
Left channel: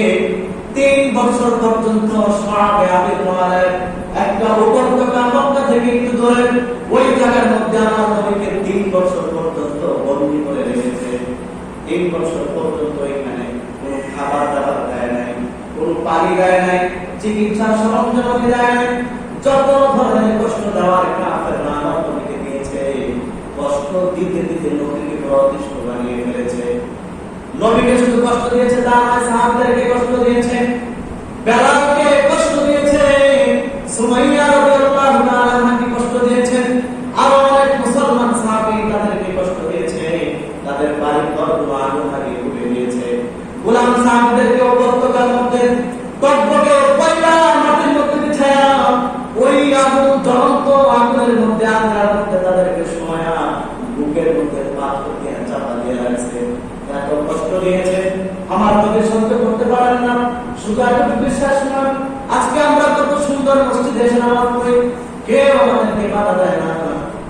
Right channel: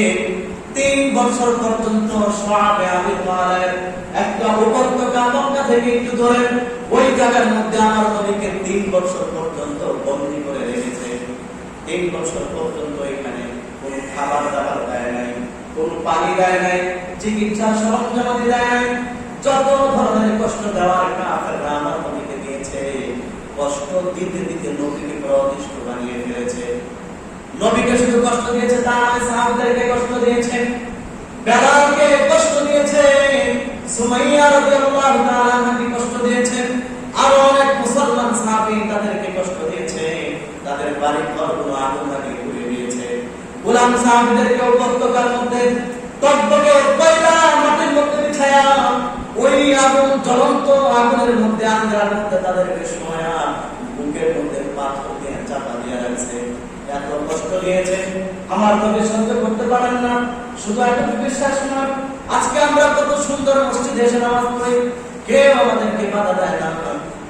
3 বছর পর্যন্ত সাহাবে আবিদ ওয়ালায় একটা উপত্যকা মক্কা থেকে একটু দূরে ওই জায়গার মধ্যে আমার নবীকে 3 বছর পর্যন্ত বন্দী করে রেখেছে। 3 বছর পর্যন্ত এখানে কোন খাবার দাবার দেয় নাই, কোন পানি দেয় নাই, চিকিৎসার সরঞ্জাম দেয় নাই। যত ধরনের কষ্ট দেওয়ার কাফেররা আমার নবীকে দিয়েছে, কষ্ট দিতে দিতে নবীকে অতিষ্ঠ বানিয়ে ফেলেছে। নবীকে শুধু কষ্ট দিয়েছে তা নয়, সাহাবাদেরকে কষ্ট দিয়েছে, বেলালকে কষ্ট দিয়েছে, সুমাইয়া রাদিয়াল্লাহু তাআলা আনহাকে কষ্ট দিয়েছে, আরো অনেক মুসলমান সাহাবী তাদেরকে কষ্ট দিয়েছে, তাদের বাড়ি ঘরগুলো আগুন লাগিয়ে পুড়ে দিয়েছে। গোলাম সাহাবীদেরকে উপত্যকার মধ্যে টকবকে কয়লা মাটির মধ্যে বিছায়া ওই আগুন জ্বলন্ত আগুনের মধ্যে আগুনের মধ্যে তাদেরকে শোয়া বুকের মধ্যে পাথর দিয়ে চাপা দিয়ে রাখছে। এত কষ্ট দিয়েছে, আমার নবী সহ্য করতে পারেন না। শুধু এতটুকু বিশ্বাস নয়, আজকে আমরা কত সুন্দর মসজিদে এসে নামাজ পড়ি, কেউ আমাদেরকে বাধা দেয় না,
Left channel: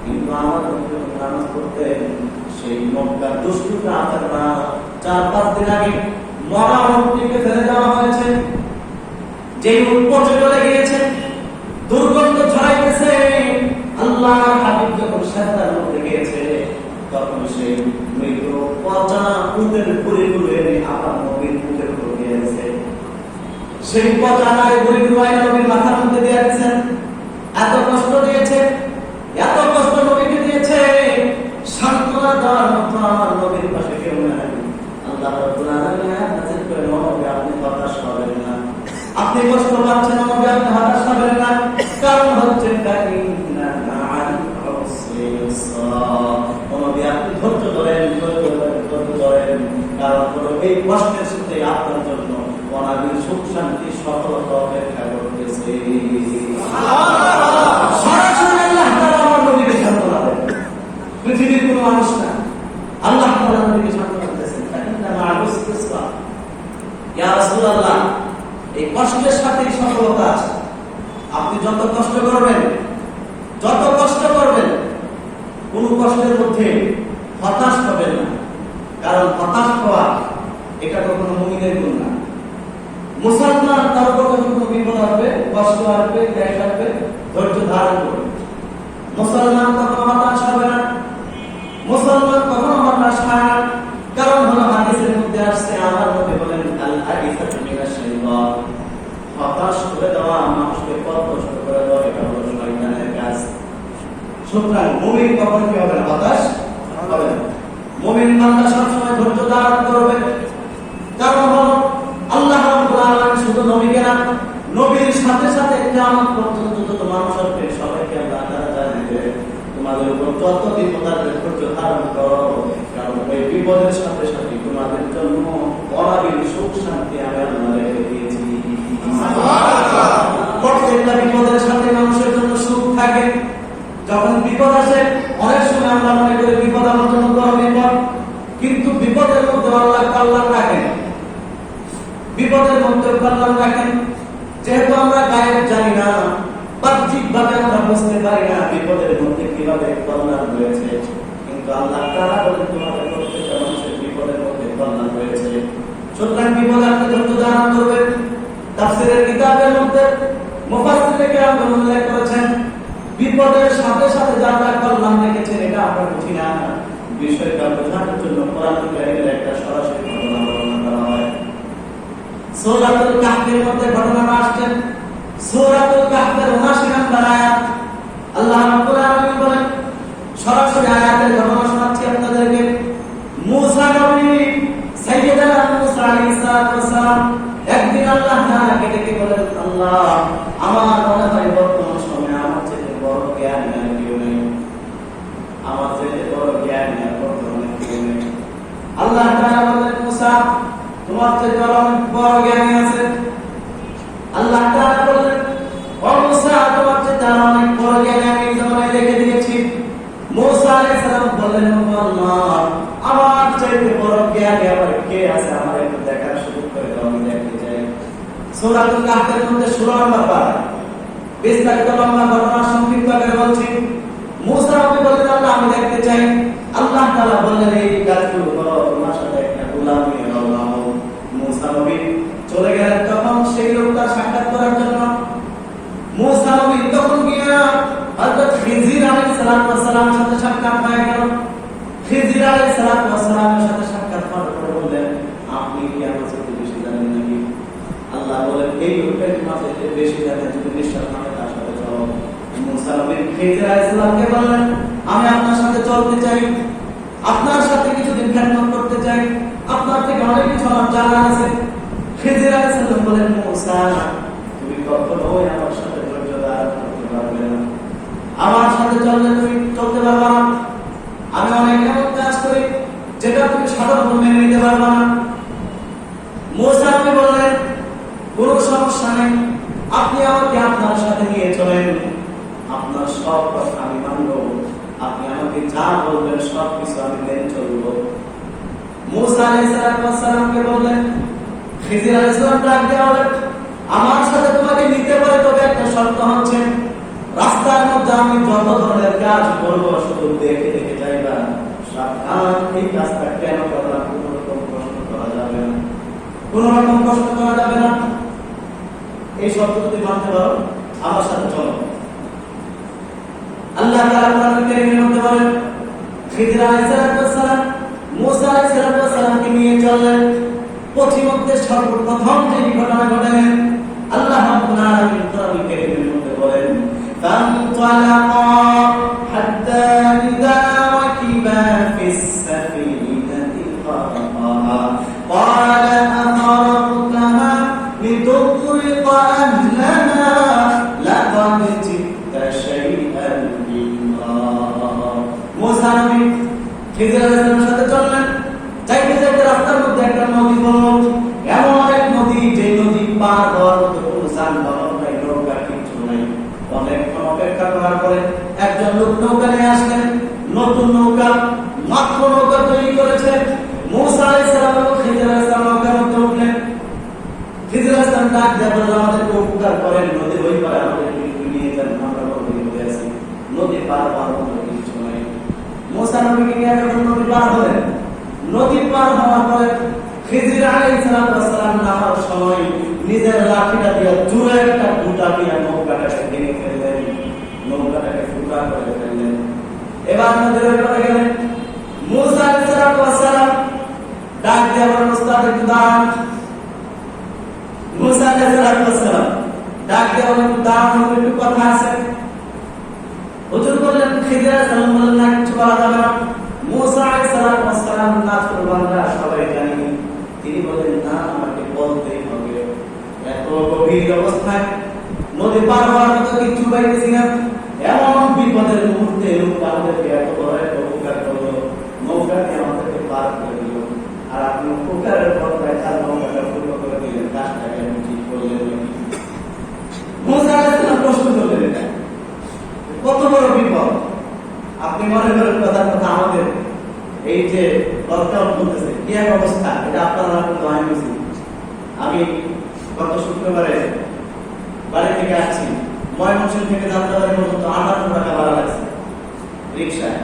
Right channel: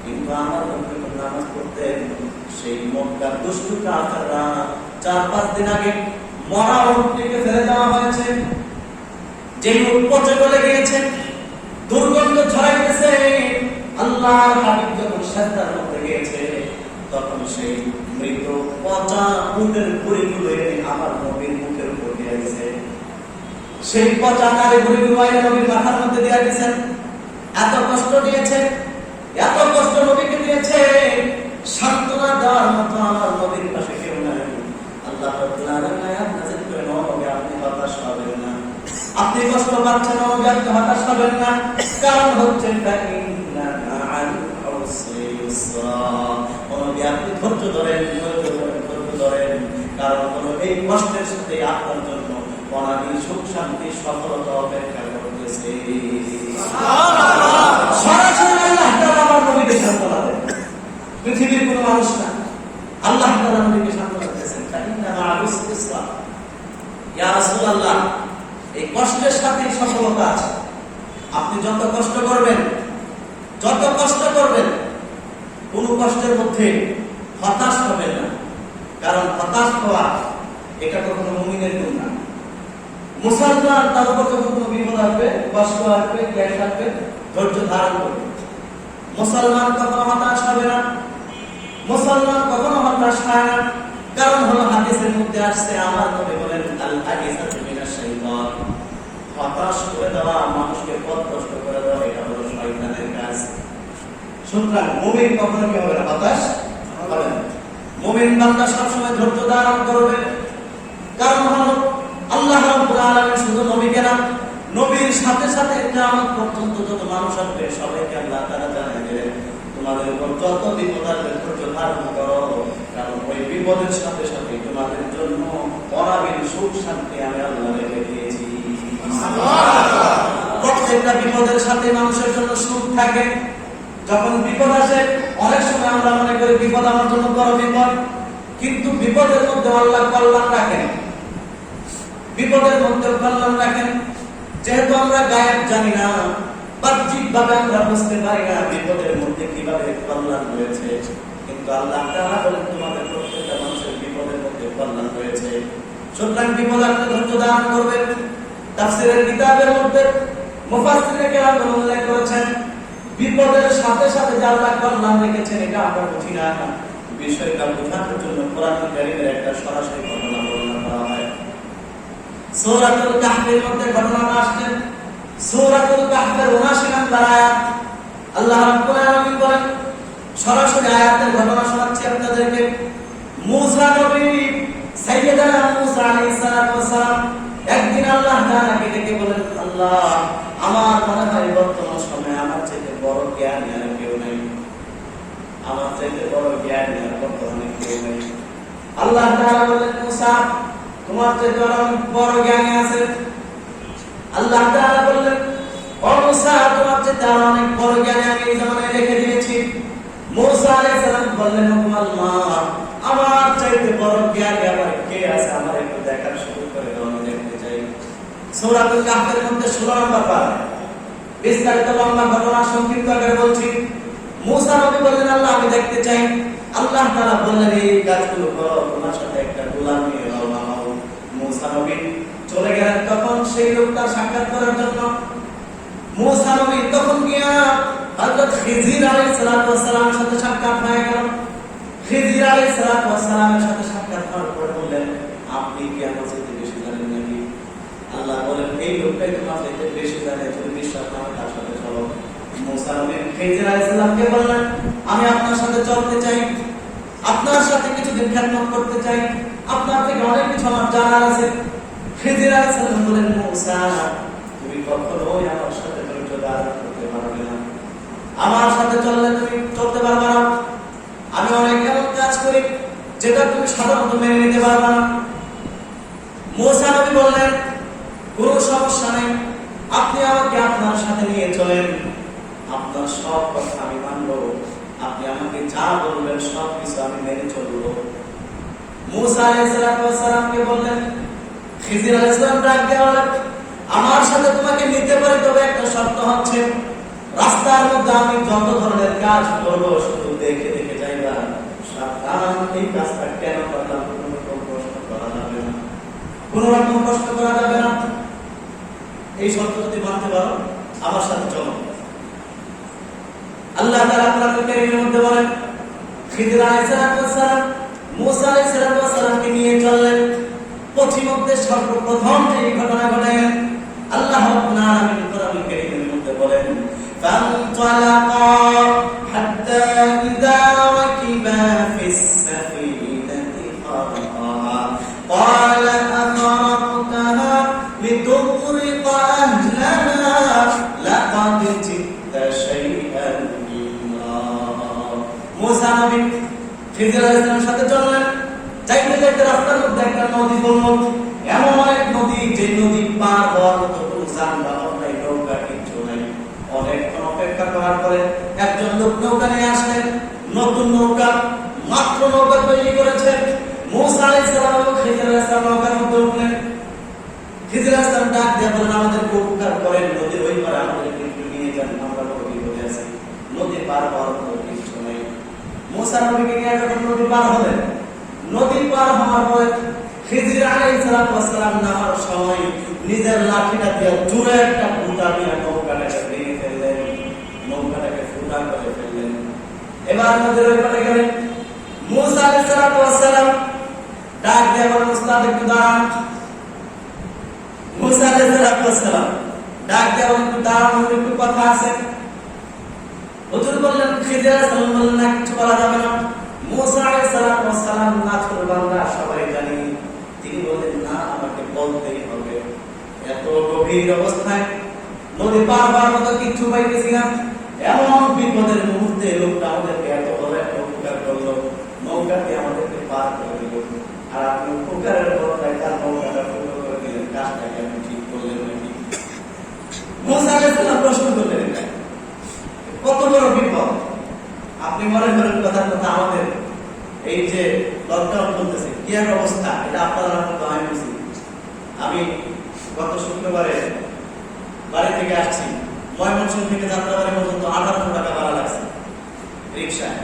কিন্তু আমার নবী নামাজ পড়তে সেই মক্কার দুষ্টু কাফেররা 4-5 দিন আগে মরা উটটিকে ফেলে দেওয়া হয়েছে, যেই উট পচে চলে গিয়েছে, দুর্গন্ধ ছড়াইতেছে। আল্লাহর হাবিব যখন সিজদার মধ্যে গিয়েছে, তখন সেই মৃত পচা উটের ভুঁড়িগুলো এনে আমার নবীর মুখের উপর দিয়ে দিয়েছে। সেই পচা নারী ভুঁড়িগুলো এনে নবীর মাথার মধ্যে দিয়ে দিয়েছেন। এত কষ্ট দিয়েছে, এত কষ্ট নবীকে দিয়েছে, সান্ত্বনা দেওয়ার মতো আমার নবীর পাশে কেউ নেই। আল্লাহ রাব্বুল আলামিন আয়াত নাযিল করে, নবী আপনি হতাশ হবেন না, আপনি কষ্ট পাচ্ছেন, নবী আপনি হতাশ হবেন না, কারণ হচ্ছে আপনি ধৈর্য ধরেন, কারণ হলো এই কষ্টের সাথে আপনার জন্য অনাদি সুখ শান্তি সফলতা অপেক্ষা করতেছে। সরাসরি আল্লাহ তাআলা আমার নবীকে সান্ত্বনা দেন, পৃথিবীর কোনো মানুষ না, আল্লাহ তাআলা নবীকে সান্ত্বনা দিতেছেন। ইয়া রাসূলুল্লাহ, এই কষ্টের সাথে সফলতা আছে। আপনি যত কষ্ট করবেন, কোন কষ্টের মধ্যে হতাশ হবেন না, কারণ হতাশ হওয়া এটা কখনো মুমিনের গুণ না। মুসলমান তার উপর কখনো বিপদ আসবে, কষ্ট আসবে, গ্যাস আসবে, ধৈর্য ধারণ করবে। মুসলমান কখনো হতাশ হবে না, মুসলমান কখনো হতাশ হয় না, কারণ হলো হাদিসের মধ্যে আসছে আমার নবী বলেন আল হাদিসাতু মিনাশ শাইতান, সুতরাং মুমিন কখনো কি হবে না, হতাশ হবে না। মুমিন বান্দা সবসময় ধৈর্য ধারণ করবে। কারণ হলো আল্লাহ রাব্বুল আলামিন শুধু নবীকে না, নবীর সাথে সাথে কিয়ামত পর্যন্ত যত মানুষ আসবে সবাইকে আল্লাহ তাআলা জানাবে তোমাদের উপর যত বিপদ আসবে ধৈর্য ধারণ করো, কারণ ওই বিপদের সাথে সাথে তোমাদের জন্য অনাবিল সুখ শান্তি আমি আল্লাহ রেখে দিয়েছি। প্রত্যেকটা বিপদের সাথে মানুষের জন্য সুখ থাকে। যখন বিপদ আসে অনেক সময় আমরা মনে করি বিপদ আমার জন্য বড় বিপদ, কিন্তু বিপদের মধ্যে আল্লাহ কল্যাণ রাখেন, বিপদের মধ্যে কল্যাণ রাখেন। যেহেতু আমরা গায়েব জানি না, বাহ্যিক ভাবে আমরা বুঝতে পারি না বিপদের মধ্যে কিভাবে কল্যাণ রয়েছে, কিন্তু আল্লাহ তাআলা বলেন তোমাদের প্রত্যেকটা মানুষের বিপদের মধ্যে কল্যাণ রয়েছে। সুতরাং বিপদ আপনি ধৈর্য ধারণ করবেন। তাফসীরের কিতাবের মধ্যে মুফাসসিরে কেরাম উল্লেখ করেছেন বিপদের সাথে সাথে যে আল্লাহ কল্যাণ রেখেছেন এটা আমরা বুঝি না, বিষয়টা বোঝানোর জন্য কোরআন কারীমের একটা সরাসরি ঘটনা বর্ণনা করা হয়। সূরাতুল কাহফের মধ্যে ঘটনাটা আসছে। সূরাতুল কাহফের ৭৯ নম্বর আয়াত আল্লাহ রাব্বুল আলামিন বলেন, সরাসরি আয়াতের ঘটনা শোনাচ্ছি আপনাদেরকে। মুসা নবী, সাইয়্যিদানা মুসা আলাইহিস সালাম একদিন আল্লাহ তাআলাকে ডেকে বলেন, আল্লাহ আমার মনে হয় বর্তমান সময়ে আমার চেয়ে বড় জ্ঞান আর কেউ নেই, আমার চেয়ে বড় জ্ঞান আর বর্তমানে কেউ নেই। আল্লাহ তাআলা বলেন, মুসা তোমার চেয়ে অনেক বড় জ্ঞান আছে। আল্লাহ তাআলা বলেন, ও মুসা তোমার চেয়ে অনেক বড় জ্ঞান আমি এই জমানায় রেখে দিয়েছি। মুসা আলাইহিস সালাম বললেন, আল্লাহ আমার চাইতে বড় জ্ঞান আবার কে আছে, আমার একটু দেখার সুযোগ করে দাও, আমি দেখতে চাই। সূরাতুল কাহফের মধ্যে ১৬ নম্বর পারা, বিস্তারিত লম্বা ঘটনা সংক্ষিপ্ত করে বলছি। মুসা নবী বললেন, আল্লাহ আমি দেখতে চাই। আল্লাহ তাআলা বললেন, এই কাজগুলো করো, তোমার সাথে একটা গোলাম নিয়ে নাও। মুসা নবী চলে গেলেন তখন সেই লোকটার সাক্ষাৎ করার জন্য। মুসা নবী তখন গিয়া হযরত খিজির আলাইহিস সালামের সাথে সাক্ষাৎ হয়ে গেল। খিজির আলাইহিস সালামের সাথে সাক্ষাৎ হওয়ার পরে বললেন, আপনি কি আমার সাথে বেশি জানেন নাকি? আল্লাহ বলেন, এই লোকটাই তোমার সাথে বেশি জানে, যদি বিশ্বাস না হয় তার সাথে চলো। মুসা নবী খিজির আলাইহিস সালামকে বললেন, আমি আপনার সাথে চলতে চাই, আপনার সাথে কিছুদিন খেদমত করতে চাই, আপনার থেকে অনেক কিছু আমার জানা আছে। খিজির আলাইহিস সালাম বলেন, মুসা তুমি কখনোই আমার সাথে ধৈর্য ধারণ করতে পারবে না, আমার সাথে চললে তুমি চলতে পারবে না। আমি অনেক এমন কাজ করি যেটা তুমি সাধারণত মেনে নিতে পারবে না। মুসা নবী বললেন, কোনো সমস্যা নেই, আপনি আমাকে আপনার সাথে নিয়ে চলেন, আপনার সব কথা আমি মানব, আপনি আমাকে যা বলবেন সব কিছু আমি মেনে চলব। মুসা আলাইহিস সালামকে বললেন, খিজির আলাইহিস সালাম ডাক দিয়ে বলেন, আমার সাথে তোমাকে নিতে পারে, তবে একটা শর্ত হচ্ছে রাস্তার মধ্যে আমি যত ধরনের কাজ করব শুধু দেখে দেখে যাইবা, সাবধান এই কাজটা কেন করলাম কোনো রকম প্রশ্ন করা যাবে না, কোনো রকম প্রশ্ন করা যাবে না। এই শর্ত যদি মানতে পারো আমার সাথে চলো। আল্লাহ তাআলা কোরআনুল কারীমের মধ্যে বলেন, খিজির আলাইহিস সালাম মুসা আলাইহিস সালামকে নিয়ে চললেন। পথিমধ্যে সর্বপ্রথম যে ঘটনা ঘটে আল্লাহ রাব্বুল আলামিন কোরআনুল কারীমের মধ্যে বলেন, فانطلقا حتى إذا ركبا في السفينة خرقها قال أخرقتها لتغرق أهلها لقد جئت شيئا إمرا। মুসা নবী খিজির আলাইহিস সালামের সাথে চললেন। যাইতে যাইতে রাস্তার মধ্যে একটা নদী পড়ল, এমন এক নদী যে নদী পার হওয়ার মতো কোনো যানবাহন নাই, নৌকা কিছু নাই। অনেকক্ষণ অপেক্ষা করার পরে একজন লোক নৌকা নিয়ে আসলেন, নতুন নৌকা, মাত্র নৌকা তৈরি করেছে। মুসা আলাইহিস সালাম এবং খিজির আলাইহিস সালাম নৌকার মধ্যে উঠলেন। খিজির আলাইহিস সালাম ডাক দিয়ে বললেন, আমাদেরকে উপকার করেন, নদীর ওই পারে আমাদেরকে একটু নিয়ে যান, আমরা বড় বিপদে আছি, নদী পার হওয়ার মতো কিছু নাই। মুসা নবীকে নিয়ে যখন নদী পার হলেন, নদী পার হওয়ার পরে খিজির আলাইহিস সালাম নামার সময় নিজের লাঠিটা দিয়ে জোরে একটা ফুটা দিয়ে নৌকাটাকে ভেঙে ফেললেন, নৌকাটাকে ফুটা করে ফেললেন। এবার নদীর ওই পারে গেলেন। মুসা আলাইহিস সালাম ডাক দিয়ে বললেন, উস্তাদ একটু দাঁড়ান। মুসা আলাইহিস সালাম ডাক দিয়ে বললেন, একটু দাঁড়ান, একটু কথা আছে। হুজুর বললেন, খিজির আলাইহিস সালাম বললেন, না কিছু বলা যাবে না। মুসা আলাইহিস সালাম নাফরমানরা সবাই জানি, তিনি বললেন, না আমাকে বলতেই হবে। এত গভীর অবস্থায় নদী পার হওয়ার মতো কিছু পাইতেছি না, এমন বিপদের মুহূর্তে লোকটা আমাদেরকে এত বড় একটা উপকার করলো, নৌকাকে আমাদেরকে পার করে দিল, আর আপনি উপকারের বদলায় তার নৌকাটা ফুটো করে দিলেন, কাজটাকে আপনি ঠিক করলেন নাকি? মুসা আলাইহিস সালাম প্রশ্ন করলেন, এটা কত বড় বিপদ। আপনি মনে করেন কথা মতো আমাদের এই যে লকডাউন চলতেছে, কি এক অবস্থা, এটা আপনারা আমি বুঝি। আমি গত শুক্রবারে বাড়ি থেকে আসছি, ময়মনসিংহ থেকে যাত্রাবাড়ি পর্যন্ত 58 টাকা ভাড়া লাগছে রিক্সায়।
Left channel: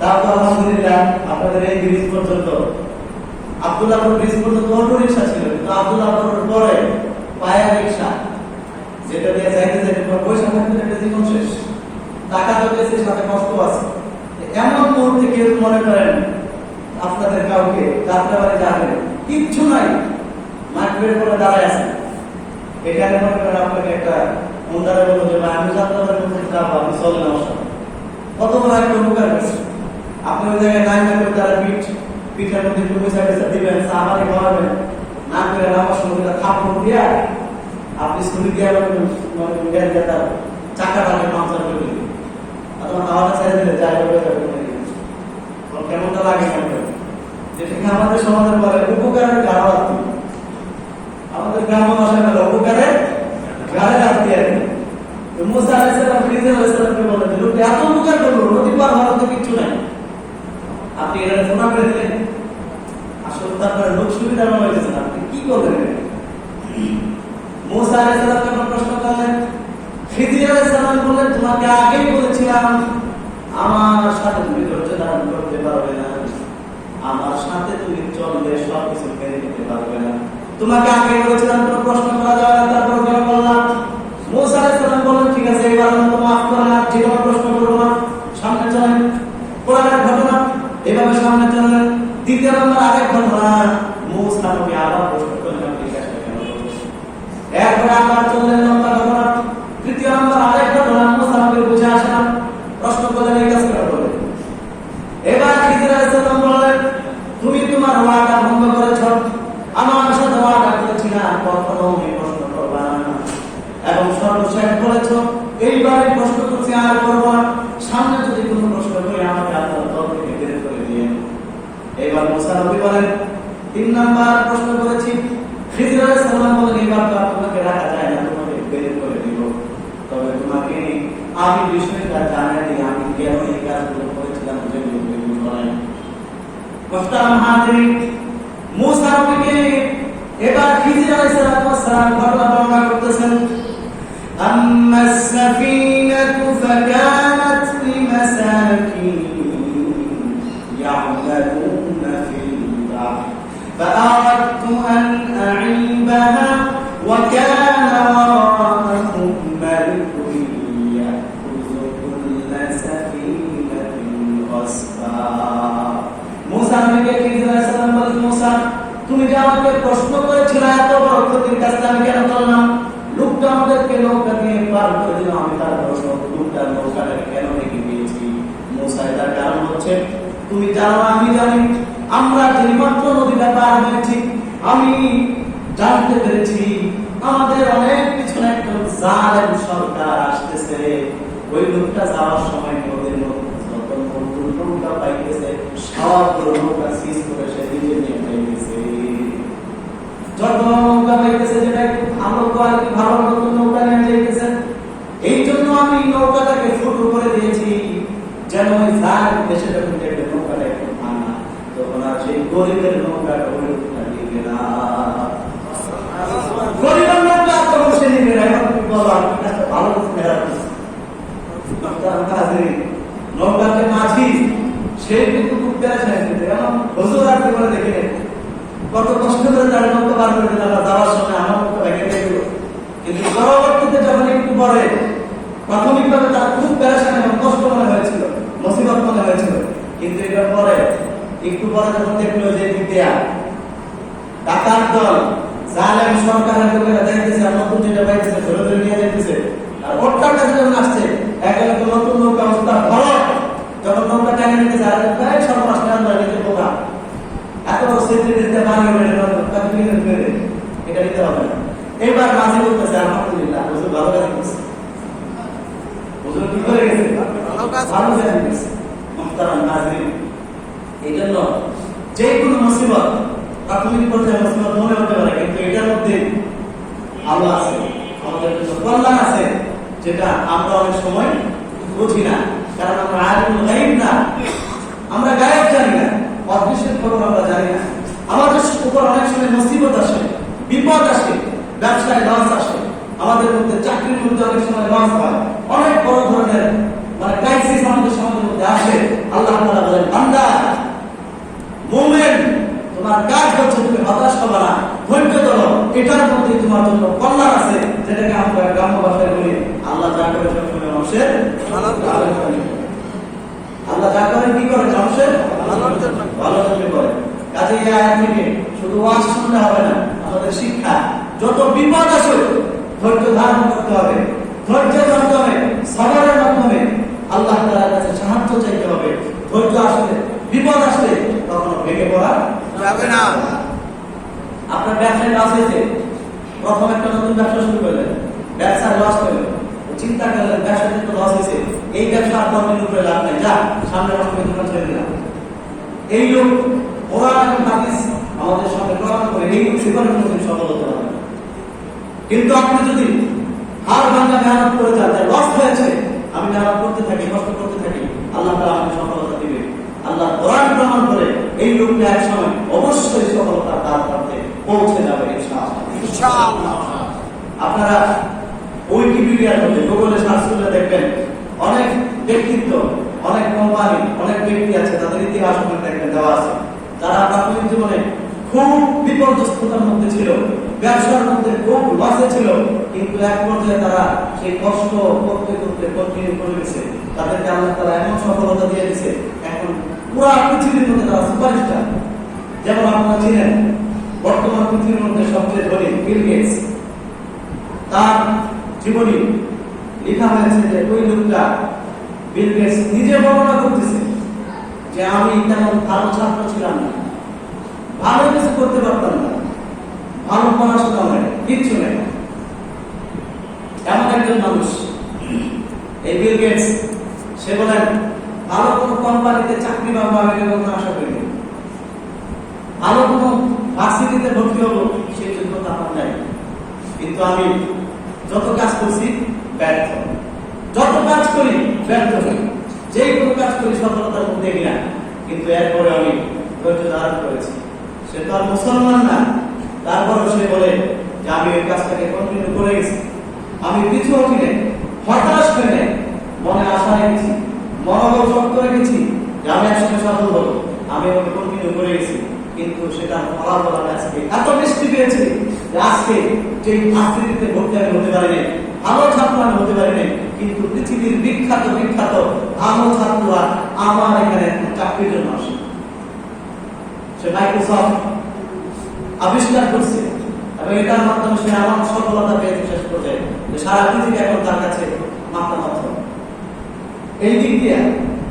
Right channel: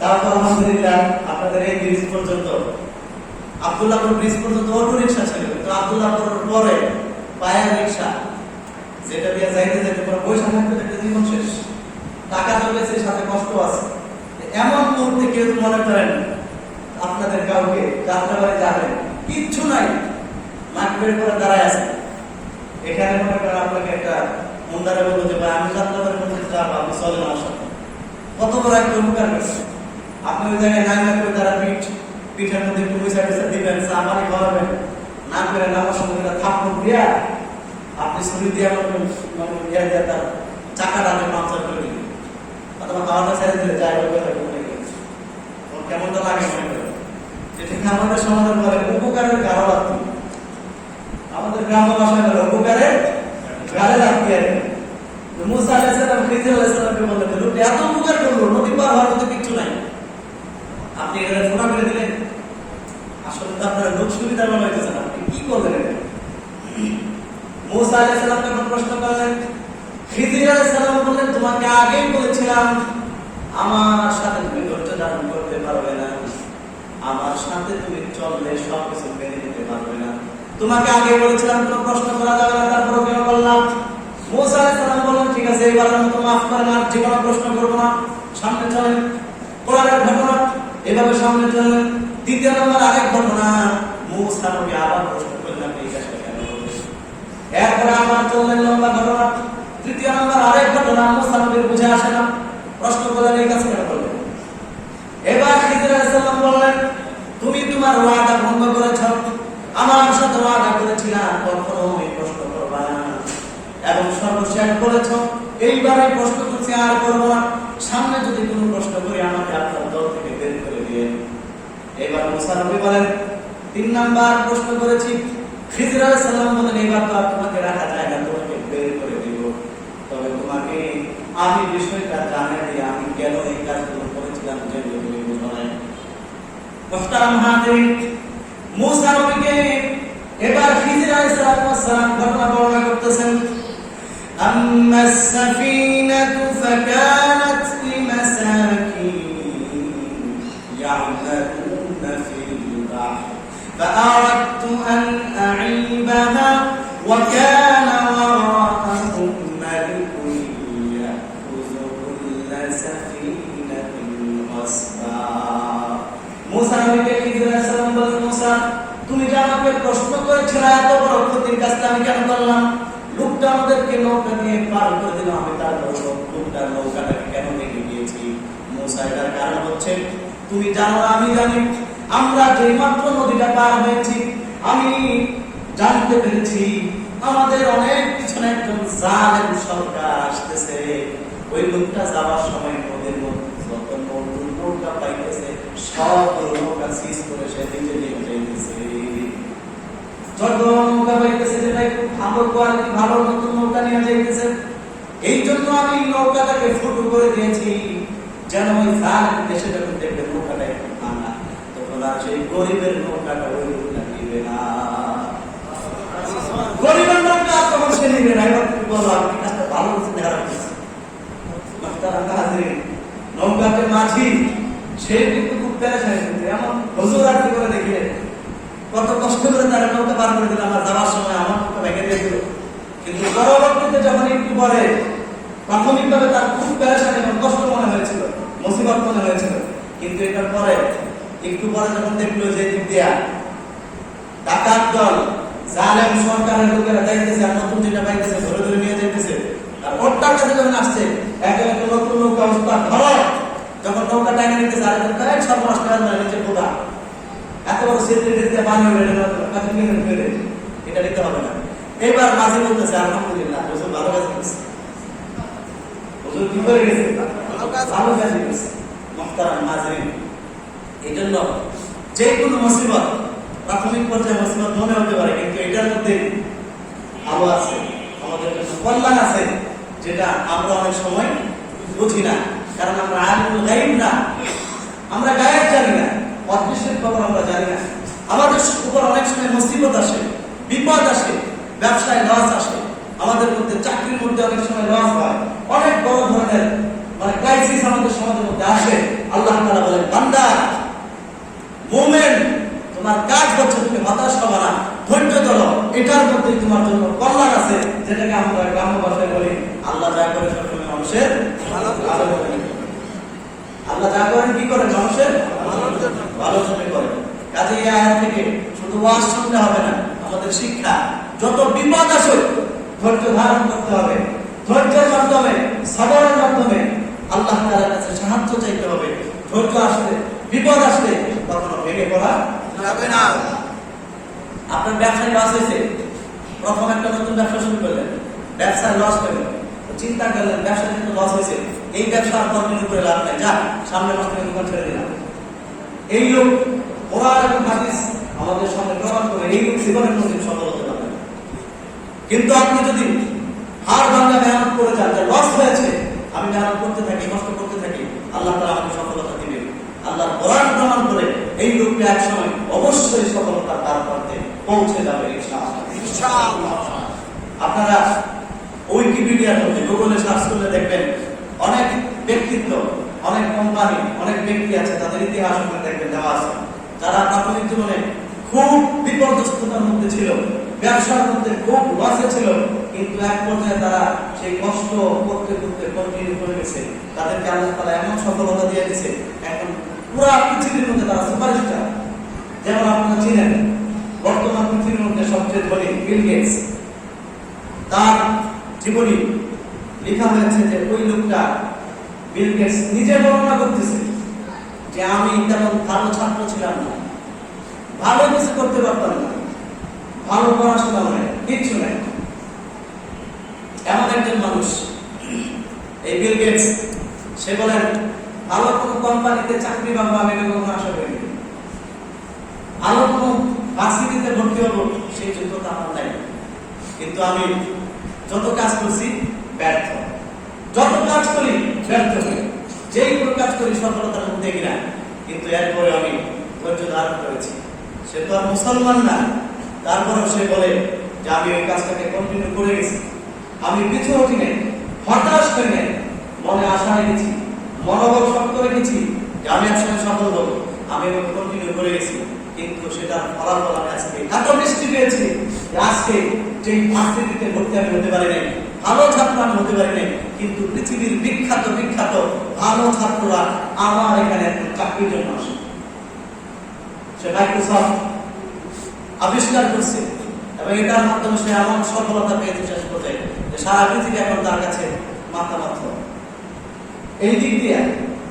তারপর আলহামদুলিল্লাহ আপনাদের এই ব্রিজ পর্যন্ত, আব্দুল্লাহপুর ব্রিজ পর্যন্ত অটো রিক্সা ছিল, কিন্তু আব্দুল্লাহপুরের পরে পায়ের রিক্সা, যেটা দিয়ে যাইতে যাইতে পুরো পয়সা থাকতে একটা জীবন শেষ, টাকা চলেছে সাথে কষ্ট আছে। এমন মুহূর্তে কেউ মনে করেন আপনাদের কাউকে যাত্রাবাড়ি যাবে, কিচ্ছু নাই, মাঠের পরে দাঁড়ায় আছে, এখানে মনে করেন আপনাকে একটা মুন্দারে বলবো যে ভাই আমি যাত্রাবাড়ির মধ্যে যাবো, আপনি চল না আমার সাথে। কত বড় একটা উপকার করছে। আপনি ওই জায়গায় নাই না করে তারা পিঠের মধ্যে একটু পয়সা পয়সা দিবেন, আমারই খাওয়াবেন, না করে আমার সঙ্গে থাপ্পড় দিয়া আপনি ছুরি দিয়ে তার চাকাটাকে পাংচার করে দিলেন, অথবা খাওয়াটা ছেড়ে দিলে যাই কেমনটা লাগে যেটা আমাদের সমাজের বলে উপকারের গাড়া রাখি, আমাদের গ্রাম্য ভাষায় বলে উপকারের গাড়ে রাখি আর কি। মুসা আলাইহিস সালাম খিজির আলাইহিস সালামকে বললেন, লোকটি এত উপকার করলো, নদী পার হওয়ার তো কিছু নাই, আপনি এটা ফোনা করে দিলেন। আসলে তো আপনার লোক সুবিধার মনে হইতেছে, আপনি কি করলেন? মুসা আলাইহিস সালাম যখন প্রশ্ন করলেন, খিজির আলাইহিস সালাম বললেন, তোমাকে আগেই বলেছিলাম আমার সাথে তুমি ধৈর্য ধারণ করতে পারবে না, আমার সাথে তুমি চললে সবকিছু মেনে নিতে পারবে না, তোমাকে আগে বলেছিলাম কোনো প্রশ্ন করা যাবে না, তারপর কেন বললাম? মুসা আলাইহিস সালাম বললেন, ঠিক আছে এবারের মতো মাফ করেন, আর জীবনে প্রশ্ন করবো না, সামনে চলেন। কোরআনের ঘটনা, এভাবে সামনে চলেন। দ্বিতীয় নম্বর আরেক ঘটনা, মুসা নবী আবার প্রশ্ন করলেন, এই কাজটা কেন করলেন? এরপরে আবার চললেন লম্বা ঘটনা। তৃতীয় নম্বর আরেক ঘটনা, মুসা নবী বুঝে আসে না, প্রশ্ন করলেন, এই কাজ কেন করলেন? এবার খিজির আলাইহিস সালাম বললেন, তুমি তোমার ওয়াদা ভঙ্গ করেছ, আমার সাথে ওয়াদা করেছিলা কখনো এই প্রশ্ন করবা না, এবং সর্বশেষ বলেছ এইবারে প্রশ্ন করছি আর করবো না, সামনে যদি কোনো প্রশ্ন করি আমাকে আপনার দল থেকে বের করে দিয়ে। এবার মুসা নবী বলেন, 3 নাম্বার প্রশ্ন করেছি। খিজির আলাইহিস সালাম বলেন, এবার তো আপনাকে রাখা যায় না, তোমাকে বের করে দিব, তবে তোমাকে আমি বিষয়টা জানাই দিই, আমি কেন এই কাজগুলো করেছিলাম, যেগুলো তুমি বুঝো না। মুহতারাম হাজিরিন, মুসা নবীকে এবার খিজির আলাইহিস সালাম ঘটনা বর্ণনা করতেছেন। আম্মাস সাফিনাতু ফাকানাত লিমাসাকিন ইয়া'মালুনা ফিল বাহর ফাআরাদতু আন আ'ইবাহা ওয়া কানা ওয়ারাআহুম মালিকুন ইয়াখুযু কুল্লা সাফিনাতিন গাসবা। মুসা নবীকে খিজির আলাইহিস সালাম বলেন, মুসা তুমি যে আমাকে প্রশ্ন করেছিলে এত বড় ক্ষতির কাজটা আমি কেন করলাম? লোকটা আমাদেরকে নৌকা দিয়ে পার করে দিল, আমি তারপর লোকটার নৌকাটা কেন রেখে দিয়েছি? মুসা এটার কারণ হচ্ছে, তুমি জানো আমি জানি, আমরা যে মাত্র নদীটা পার হয়েছি আমি জানতে পেরেছি আমাদের অনেক পিছনে একজন জালেম সরকার আসতেছে। ওই লোকটা যাওয়ার সময় নদীর মধ্যে যত নৌকা পাইতেছে সবগুলো নৌকা সিজ করে সে দিকে নিয়ে যাইতেছে। যত নৌকা পাইতেছে যেটা একটু ভালো কোয়ালিটি, ভালো নতুন নৌকা নিয়ে যাইতেছে। এই জন্য আমি নৌকাটাকে ফুটো করে দিয়েছি, যেন ওই জালেম দেশে যখন দেখবে নৌকাটা একটু ভাঙা, তখন আর সেই গরিবের নৌকাটা ওই দিবে না, গরিবের নৌকা তখন সে নিবে না। এবার তুমি বলো আপনি কাজটা ভালো করছেন, খারাপ করছেন? নৌকাকে মাঝি সে কিন্তু খুব পেরেছেন, এমন হুজুর আসতে করে দেখে কত কষ্ট করে তারা নৌকা পার করে দিল, যাওয়ার সময় আমার নৌকা ভেঙে দিয়ে দিল। কিন্তু পরবর্তীতে যখন একটু পরে প্রাথমিকভাবে তার খুব পেরেছেন এবং কষ্ট মনে হয়েছিল, মুসিবত মনে হয়েছিল, কিন্তু এটার পরে একটু পরে যখন দেখলো যে দিদিয়া ডাকাত দল জালেম সরকারের লোকেরা দেখতেছে আর নতুন যেটা পাইতেছে ধরে ধরে নিয়ে যাইতেছে, আর ওটার কাছে যখন আসছে একজন নতুন নৌকা অবস্থা ধরো, যখন নৌকা টাঙিয়ে নিতে সারা প্রায় 6 মাস নিচে পোকা, এত বড় সেতু দিতে পানি হবে এটা দিতে হবে না। এবার মাঝে বলতেছে আলহামদুলিল্লাহ হুজুর ভালো কাজ করেছে, হুজুর কি করে গেছে, ভালো কাজ করেছে। মুহতারাম নাযিরিন, এই জন্য যে কোনো মুসিবত প্রাথমিক পর্যায়ে মুসিবত মনে হতে পারে, কিন্তু এটার মধ্যে আলো আছে, আমাদের জন্য কল্যাণ আছে, যেটা আমরা অনেক সময় বুঝি না, কারণ আমরা আলিমুল গায়ব না, আমরা গায়েব জানি না, অদৃশ্যের খবর আমরা জানি না। আমাদের উপর অনেক সময় মুসিবত আসে, বিপদ আসে, ব্যবসায় লস আসে, আমাদের মধ্যে চাকরির মধ্যে অনেক সময় লস হয়, অনেক বড় ধরনের ক্রাইসিস আমাদের সমাজের মধ্যে আসে। আল্লাহ তাআলা বলেন, বান্দা মুমিন, তোমার কাজ হচ্ছে তুমি হতাশ হবে না, ধৈর্য ধরো, এটার মধ্যে তোমার জন্য কল্যাণ আছে, যেটাকে আমরা গ্রাম্য ভাষায় বলি আল্লাহ যা করে সবসময় মানুষের ভালো করে। আল্লাহ যা করেন কি করে, মানুষের ভালোর জন্য করে। কাজে এই আয়াত থেকে শুধু ওয়াজ শুনলে হবে না, আমাদের শিক্ষা যত বিপদ আসে ধৈর্য ধারণ করতে হবে, ধৈর্যের মাধ্যমে সবরের মাধ্যমে আল্লাহ তাআলার কাছে সাহায্য চাইতে হবে। ধৈর্য আসলে বিপদ আসলে কখনো ভেঙে পড়া যাবে না। আপনার ব্যবসায় লস হয়েছে, প্রথম একটা নতুন ব্যবসা শুরু করলেন, ব্যবসায় লস হলো, চিন্তা করলেন ব্যবসা কিন্তু লস হয়েছে, এই ব্যবসা আর কন্টিনিউ করে লাভ নাই, যা সামনে মাস থেকে দোকান ছেড়ে দিলাম। এই লোক কোরআন এবং হাদিস আমাদের সামনে প্রমাণ করে এই লোক জীবনের মধ্যে সফল হতে পারে। কিন্তু আপনি যদি হার ভাঙা মেহনত করে যান, লস হয়েছে, আমি মেহনত করতে থাকি, কষ্ট করতে থাকি, আল্লাহ তাআলা আমাকে সফলতা দিবে। আল্লাহ কোরআন প্রমাণ করে এই লোকটা এক সময় অবশ্যই সফলতা তার পথে পৌঁছে যাবে ইনশাআল্লাহ। আপনারা উইকিপিডিয়ার মধ্যে গুগলে সার্চ করলে দেখবেন অনেক ব্যক্তিত্ব, অনেক কোম্পানি, অনেক ব্যক্তি আছে, তাদের ইতিহাস ওখানে দেখবেন দেওয়া আছে, যারা প্রাথমিক জীবনে খুব বিপর্যস্ততার মধ্যে ছিল, ব্যবসার মধ্যে খুব লসে ছিল, কিন্তু এক পর্যায়ে তারা সেই কষ্ট করতে করতে কন্টিনিউ করে গেছে, তাদেরকে আল্লাহ তাআলা এমন সফলতা দিয়ে দিয়েছে, এখন পুরো পৃথিবীর মধ্যে তারা সুপারস্টার। যেমন আপনারা চিনেন বর্তমান পৃথিবীর মধ্যে সবচেয়ে ধনী বিল গেটস, তার জীবনী লেখা হয়েছে যে ওই লোকটা বিল গেটস নিজে বর্ণনা করতেছে যে আমি তেমন ভালো ছাত্র ছিলাম না, ভালো কিছু করতে পারতাম না, ভালো পড়াশোনা হয় কিচ্ছু নেই, এমন একজন মানুষ এই বিল গেটস। সে বলেন ভালো কোনো কোম্পানিতে চাকরি পাবো আমি কখনো আশা করিনি, ভালো কোনো ভার্সিটিতে ভর্তি হবো সেই যোগ্যতা আমার নাই, কিন্তু আমি যত কাজ করছি ব্যর্থ, যত কাজ করি ব্যর্থ হই, যেই কোনো কাজ করি সফলতার মধ্যে কিনা, কিন্তু এরপরে আমি ধৈর্য ধারণ করেছি। সে তো আর মুসলমান না, তারপরেও সে বলে যে আমি ওই কাজটাকে কন্টিনিউ করে গেছি, আমি কিছু উঠি নেই, হতাশ হয়ে নেই, মনে আশা রেখেছি, মনোবল শক্ত রেখেছি যে আমি একসময় সফল হবো, আমি ওকে কন্টিনিউ করে গেছি, কিন্তু সেটা ফলাফল আমি আজকে এত মিষ্টি পেয়েছি যে আজকে যে ভার্সিটিতে ভর্তি আমি হতে পারি নাই, ভালো ছাত্র আমি হতে পারি নাই, কিন্তু পৃথিবীর বিখ্যাত বিখ্যাত ভালো ছাত্ররা আমার এখানে চাকরির জন্য আসে। সে মাইক্রোসফট আবিষ্কার করছে এবং এটার মাধ্যমে সে এমন সফলতা পেয়েছে শেষ করতে যে সারা পৃথিবী এখন তার কাছে মাথা মাত্র। এই দিক দিয়ে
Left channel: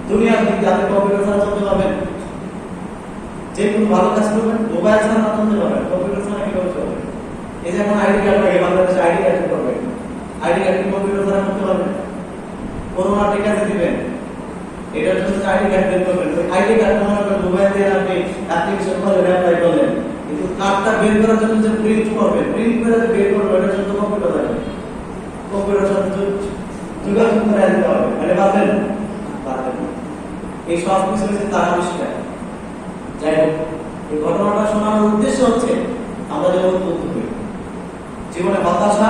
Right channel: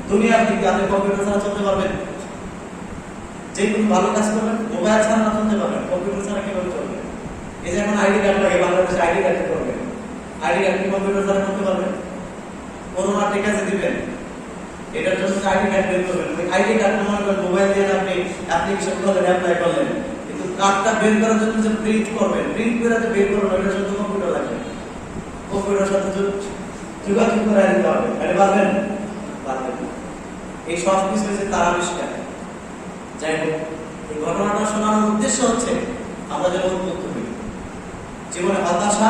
দুনিয়ার দিক দিয়ে আপনি কম্পিউটার ছাড়া চলতে পারবেন, যে কোনো ভালো কাজ করবেন মোবাইল ছাড়া না চলতে পারবেন, কম্পিউটার ছাড়া কিভাবে চলবে? এই যে এখন আইডি কার্ড লাগে, বাংলাদেশে আইডি কার্ড করবেন, আইডি কার্ড কম্পিউটার ছাড়া করতে পারবেন, করোনা টিকা যে দিবেন এটার জন্য আইডি কার্ড বের করবেন, আইডি কার্ড মনে করবেন মোবাইল দিয়ে আপনি অ্যাপ্লিকেশন করলেন, অ্যাপ্লাই করলেন, কিন্তু কার্ডটা বের করার জন্য যে প্রিন্ট করবেন, প্রিন্ট করে যে বের করবেন এটার জন্য কম্পিউটার লাগবে, কম্পিউটার সাথে যোগাযোগ করে দিতে হবে, মানে পারবেন পারবেন। এই সব কিছু হয়েছে তার আবিষ্কার। যাই হোক, এই ঘটনাটা শোনার উদ্দেশ্য হচ্ছে আমরা যেন উদ্বুদ্ধ হই, জীবনে হতাশা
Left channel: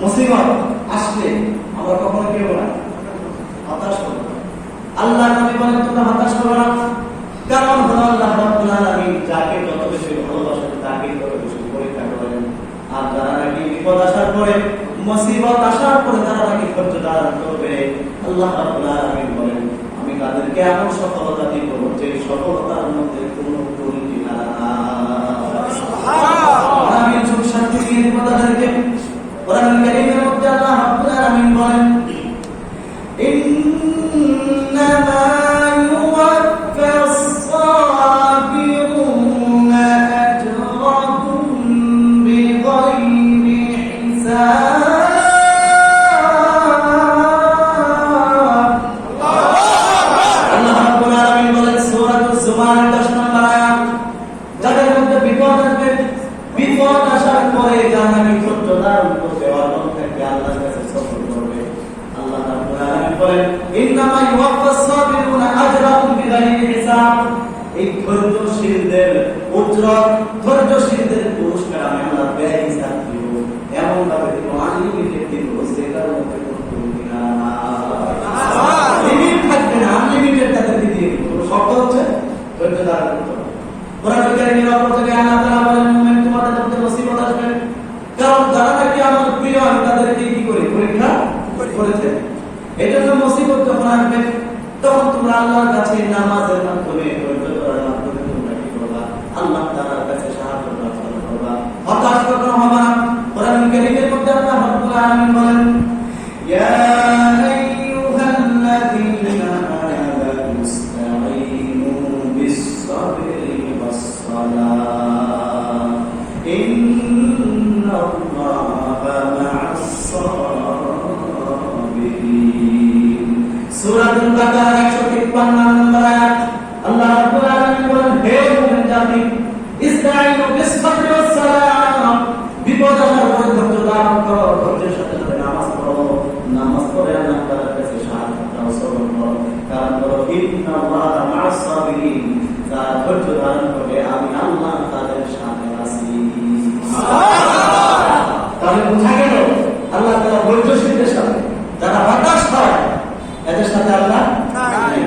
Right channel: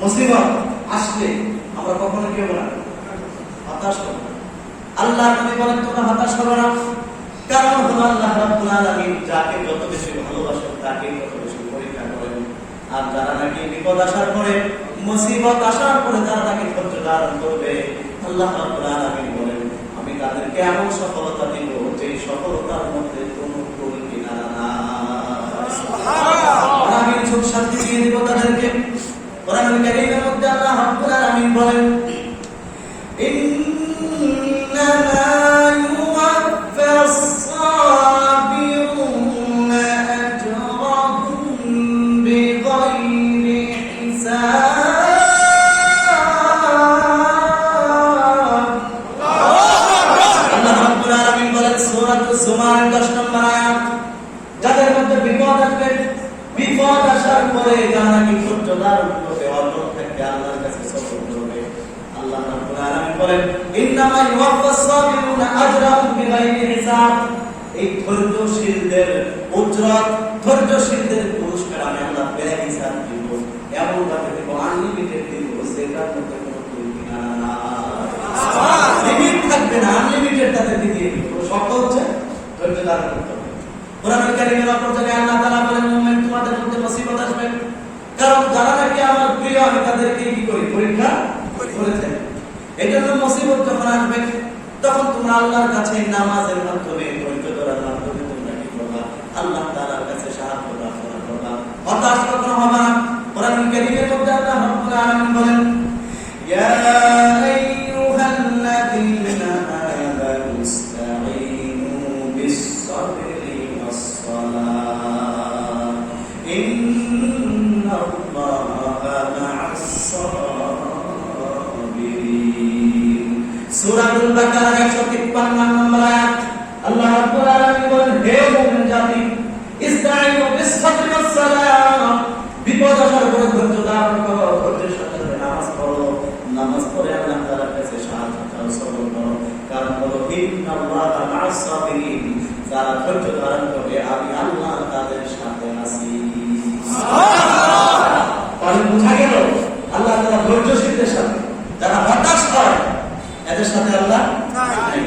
মুসিবত আসলে আমরা কখনো কি হবো না, হতাশ হবো। আল্লাহ নবী বলেন তোমরা হতাশ হবে না, কারণ আল্লাহ রাব্বুল আলামিন যাকে যত বেশি ভালোবাসেন তাকে তত বেশি পরীক্ষা করেন। আর যারা নাকি বিপদ আসার পরে, মুসিবত আসার পরে তারা নাকি ধৈর্য ধারণ করবে, আল্লাহ রাব্বুল আলামিন বলেন আমি তাদেরকে এমন সফলতা দিব যে সফলতার মধ্যে কোনো ভুল কিনারা না। সুবহানাল্লাহ, আমি সুখ শান্তি দিয়ে দিব তাদেরকে। কোরআনুল কারীমের মধ্যে আল্লাহ রাব্বুল আলামিন বলেন তাদের মধ্যে বিপদ আসবে, বিপদ আসার পরে যারা নাকি ধৈর্য ধারণ করবে, অটল থাকবে, আল্লাহর কাছে সফর করবে, আল্লাহ রাব্বুল আলামিন বলেন ইন্নামা ইউওয়াফাস সাবিরুনা আজরাহুম বিগাইরি হিসাব। এই ধৈর্যশীলদের উজরত, ধৈর্যশীলদের পুরস্কার আমি আল্লাহ বেহিসাব দিব, এমন ভাবে দিব, আনলিমিটেড দিব, সেটার মধ্যে কোনো ত্রুটি নাই, লিমিট থাকবে না, আনলিমিটেড তাদেরকে দিয়ে দিব। শর্ত হচ্ছে ধৈর্য ধারণ করতে হবে। কোরআনুল কারীমের অপর জায়গায় আল্লাহ তাআলা বলেন মুমিন তোমাদের মধ্যে মুসিবত আসবে, কারণ যারা নাকি আমার প্রিয় আমি তাদেরকে কি করি, পরীক্ষা করেছে। এই জন্য মুসিবত যখন আসবে তখন তোমরা আল্লাহর কাছে নামাজের মাধ্যমে, ধৈর্য ধরার মাধ্যমে তোমরা কি করবা, আল্লাহ তাআলার কাছে সাহায্য প্রার্থনা করবা, হতাশ কখনো হবে না। কোরআনুল কারীমের মধ্যে আল্লাহ রাব্বুল আলামিন বলেন ইয়া আইয়ুহাল্লাযীনা আমানু ইসতাঈনু বিস-সাবরি ওয়াস-সালাহ ইন্নাল্লাহা মা'আস-সাবিরিন। সূরা আল-বাকারা 153 নম্বর আয়াত। আল্লাহ রাব্বুল আলামিন বলেন হে মুমিন জাতি, ইসতাঈনু বিস-সাবরি ওয়াস-সালাহ, বিপদ আসার পরে ধৈর্য ধারণ করো, ধৈর্যের সাথে নামাজ পড়ো, নামাজ পড়ে আল্লাহ তাআলার কাছে সাহায্য চাও, সবর করো, কারণ বলো ইন্নাল্লাহা মা'আস-সাবিরিন, যারা ধৈর্য ধারণ করবে আমি আল্লাহ তাদের সাথে আছি। তাহলে বুঝা গেল আল্লাহ তাআলা ধৈর্যশীলদের সাথে, যারা হতাশ হয় এদের সাথে আল্লাহ নাই।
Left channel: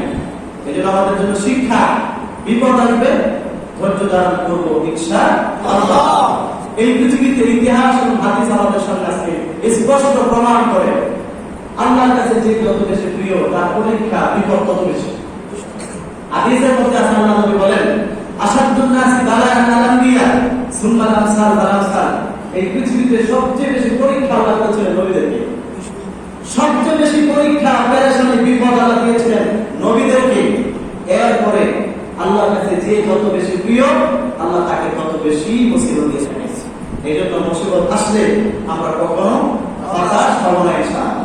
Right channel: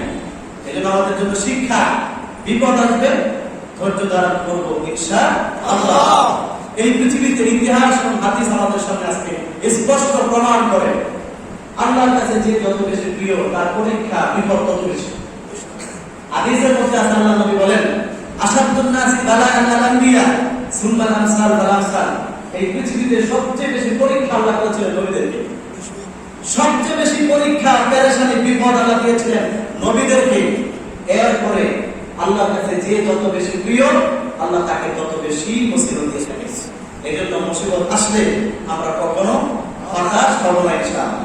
এই জন্য আমাদের জন্য শিক্ষা, বিপদ আসবে ধৈর্য ধারণ করবো ইনশাআল্লাহ। এই পৃথিবীতে ইতিহাস এবং হাদিস আমাদের সামনে আজকে স্পষ্ট প্রমাণ করে আল্লাহর কাছে যে যত বেশি প্রিয় তার পরীক্ষা বিপদ তত বেশি। হাদিসের মধ্যে আছে আল্লাহ নবী বলেন আশাদুন নাসি বালাআন আল-আনবিয়া সুম্মা আল-আমসাল ওয়াল-আমসাল। এই পৃথিবীতে সবচেয়ে বেশি পরীক্ষা আল্লাহ করেছিলেন নবীদেরকে, সবচেয়ে বেশি পরীক্ষা পেরেশানি বিপদ আল্লাহ দিয়েছিলেন নবীদেরকে। এরপরে আল্লাহর কাছে যে যত বেশি প্রিয় আল্লাহ তাকে তত বেশি মুসিবত দিয়ে থাকেন। এই জন্য মুসিবত আসলে আমরা কখনো হতাশ হব না ইনশাআল্লাহ।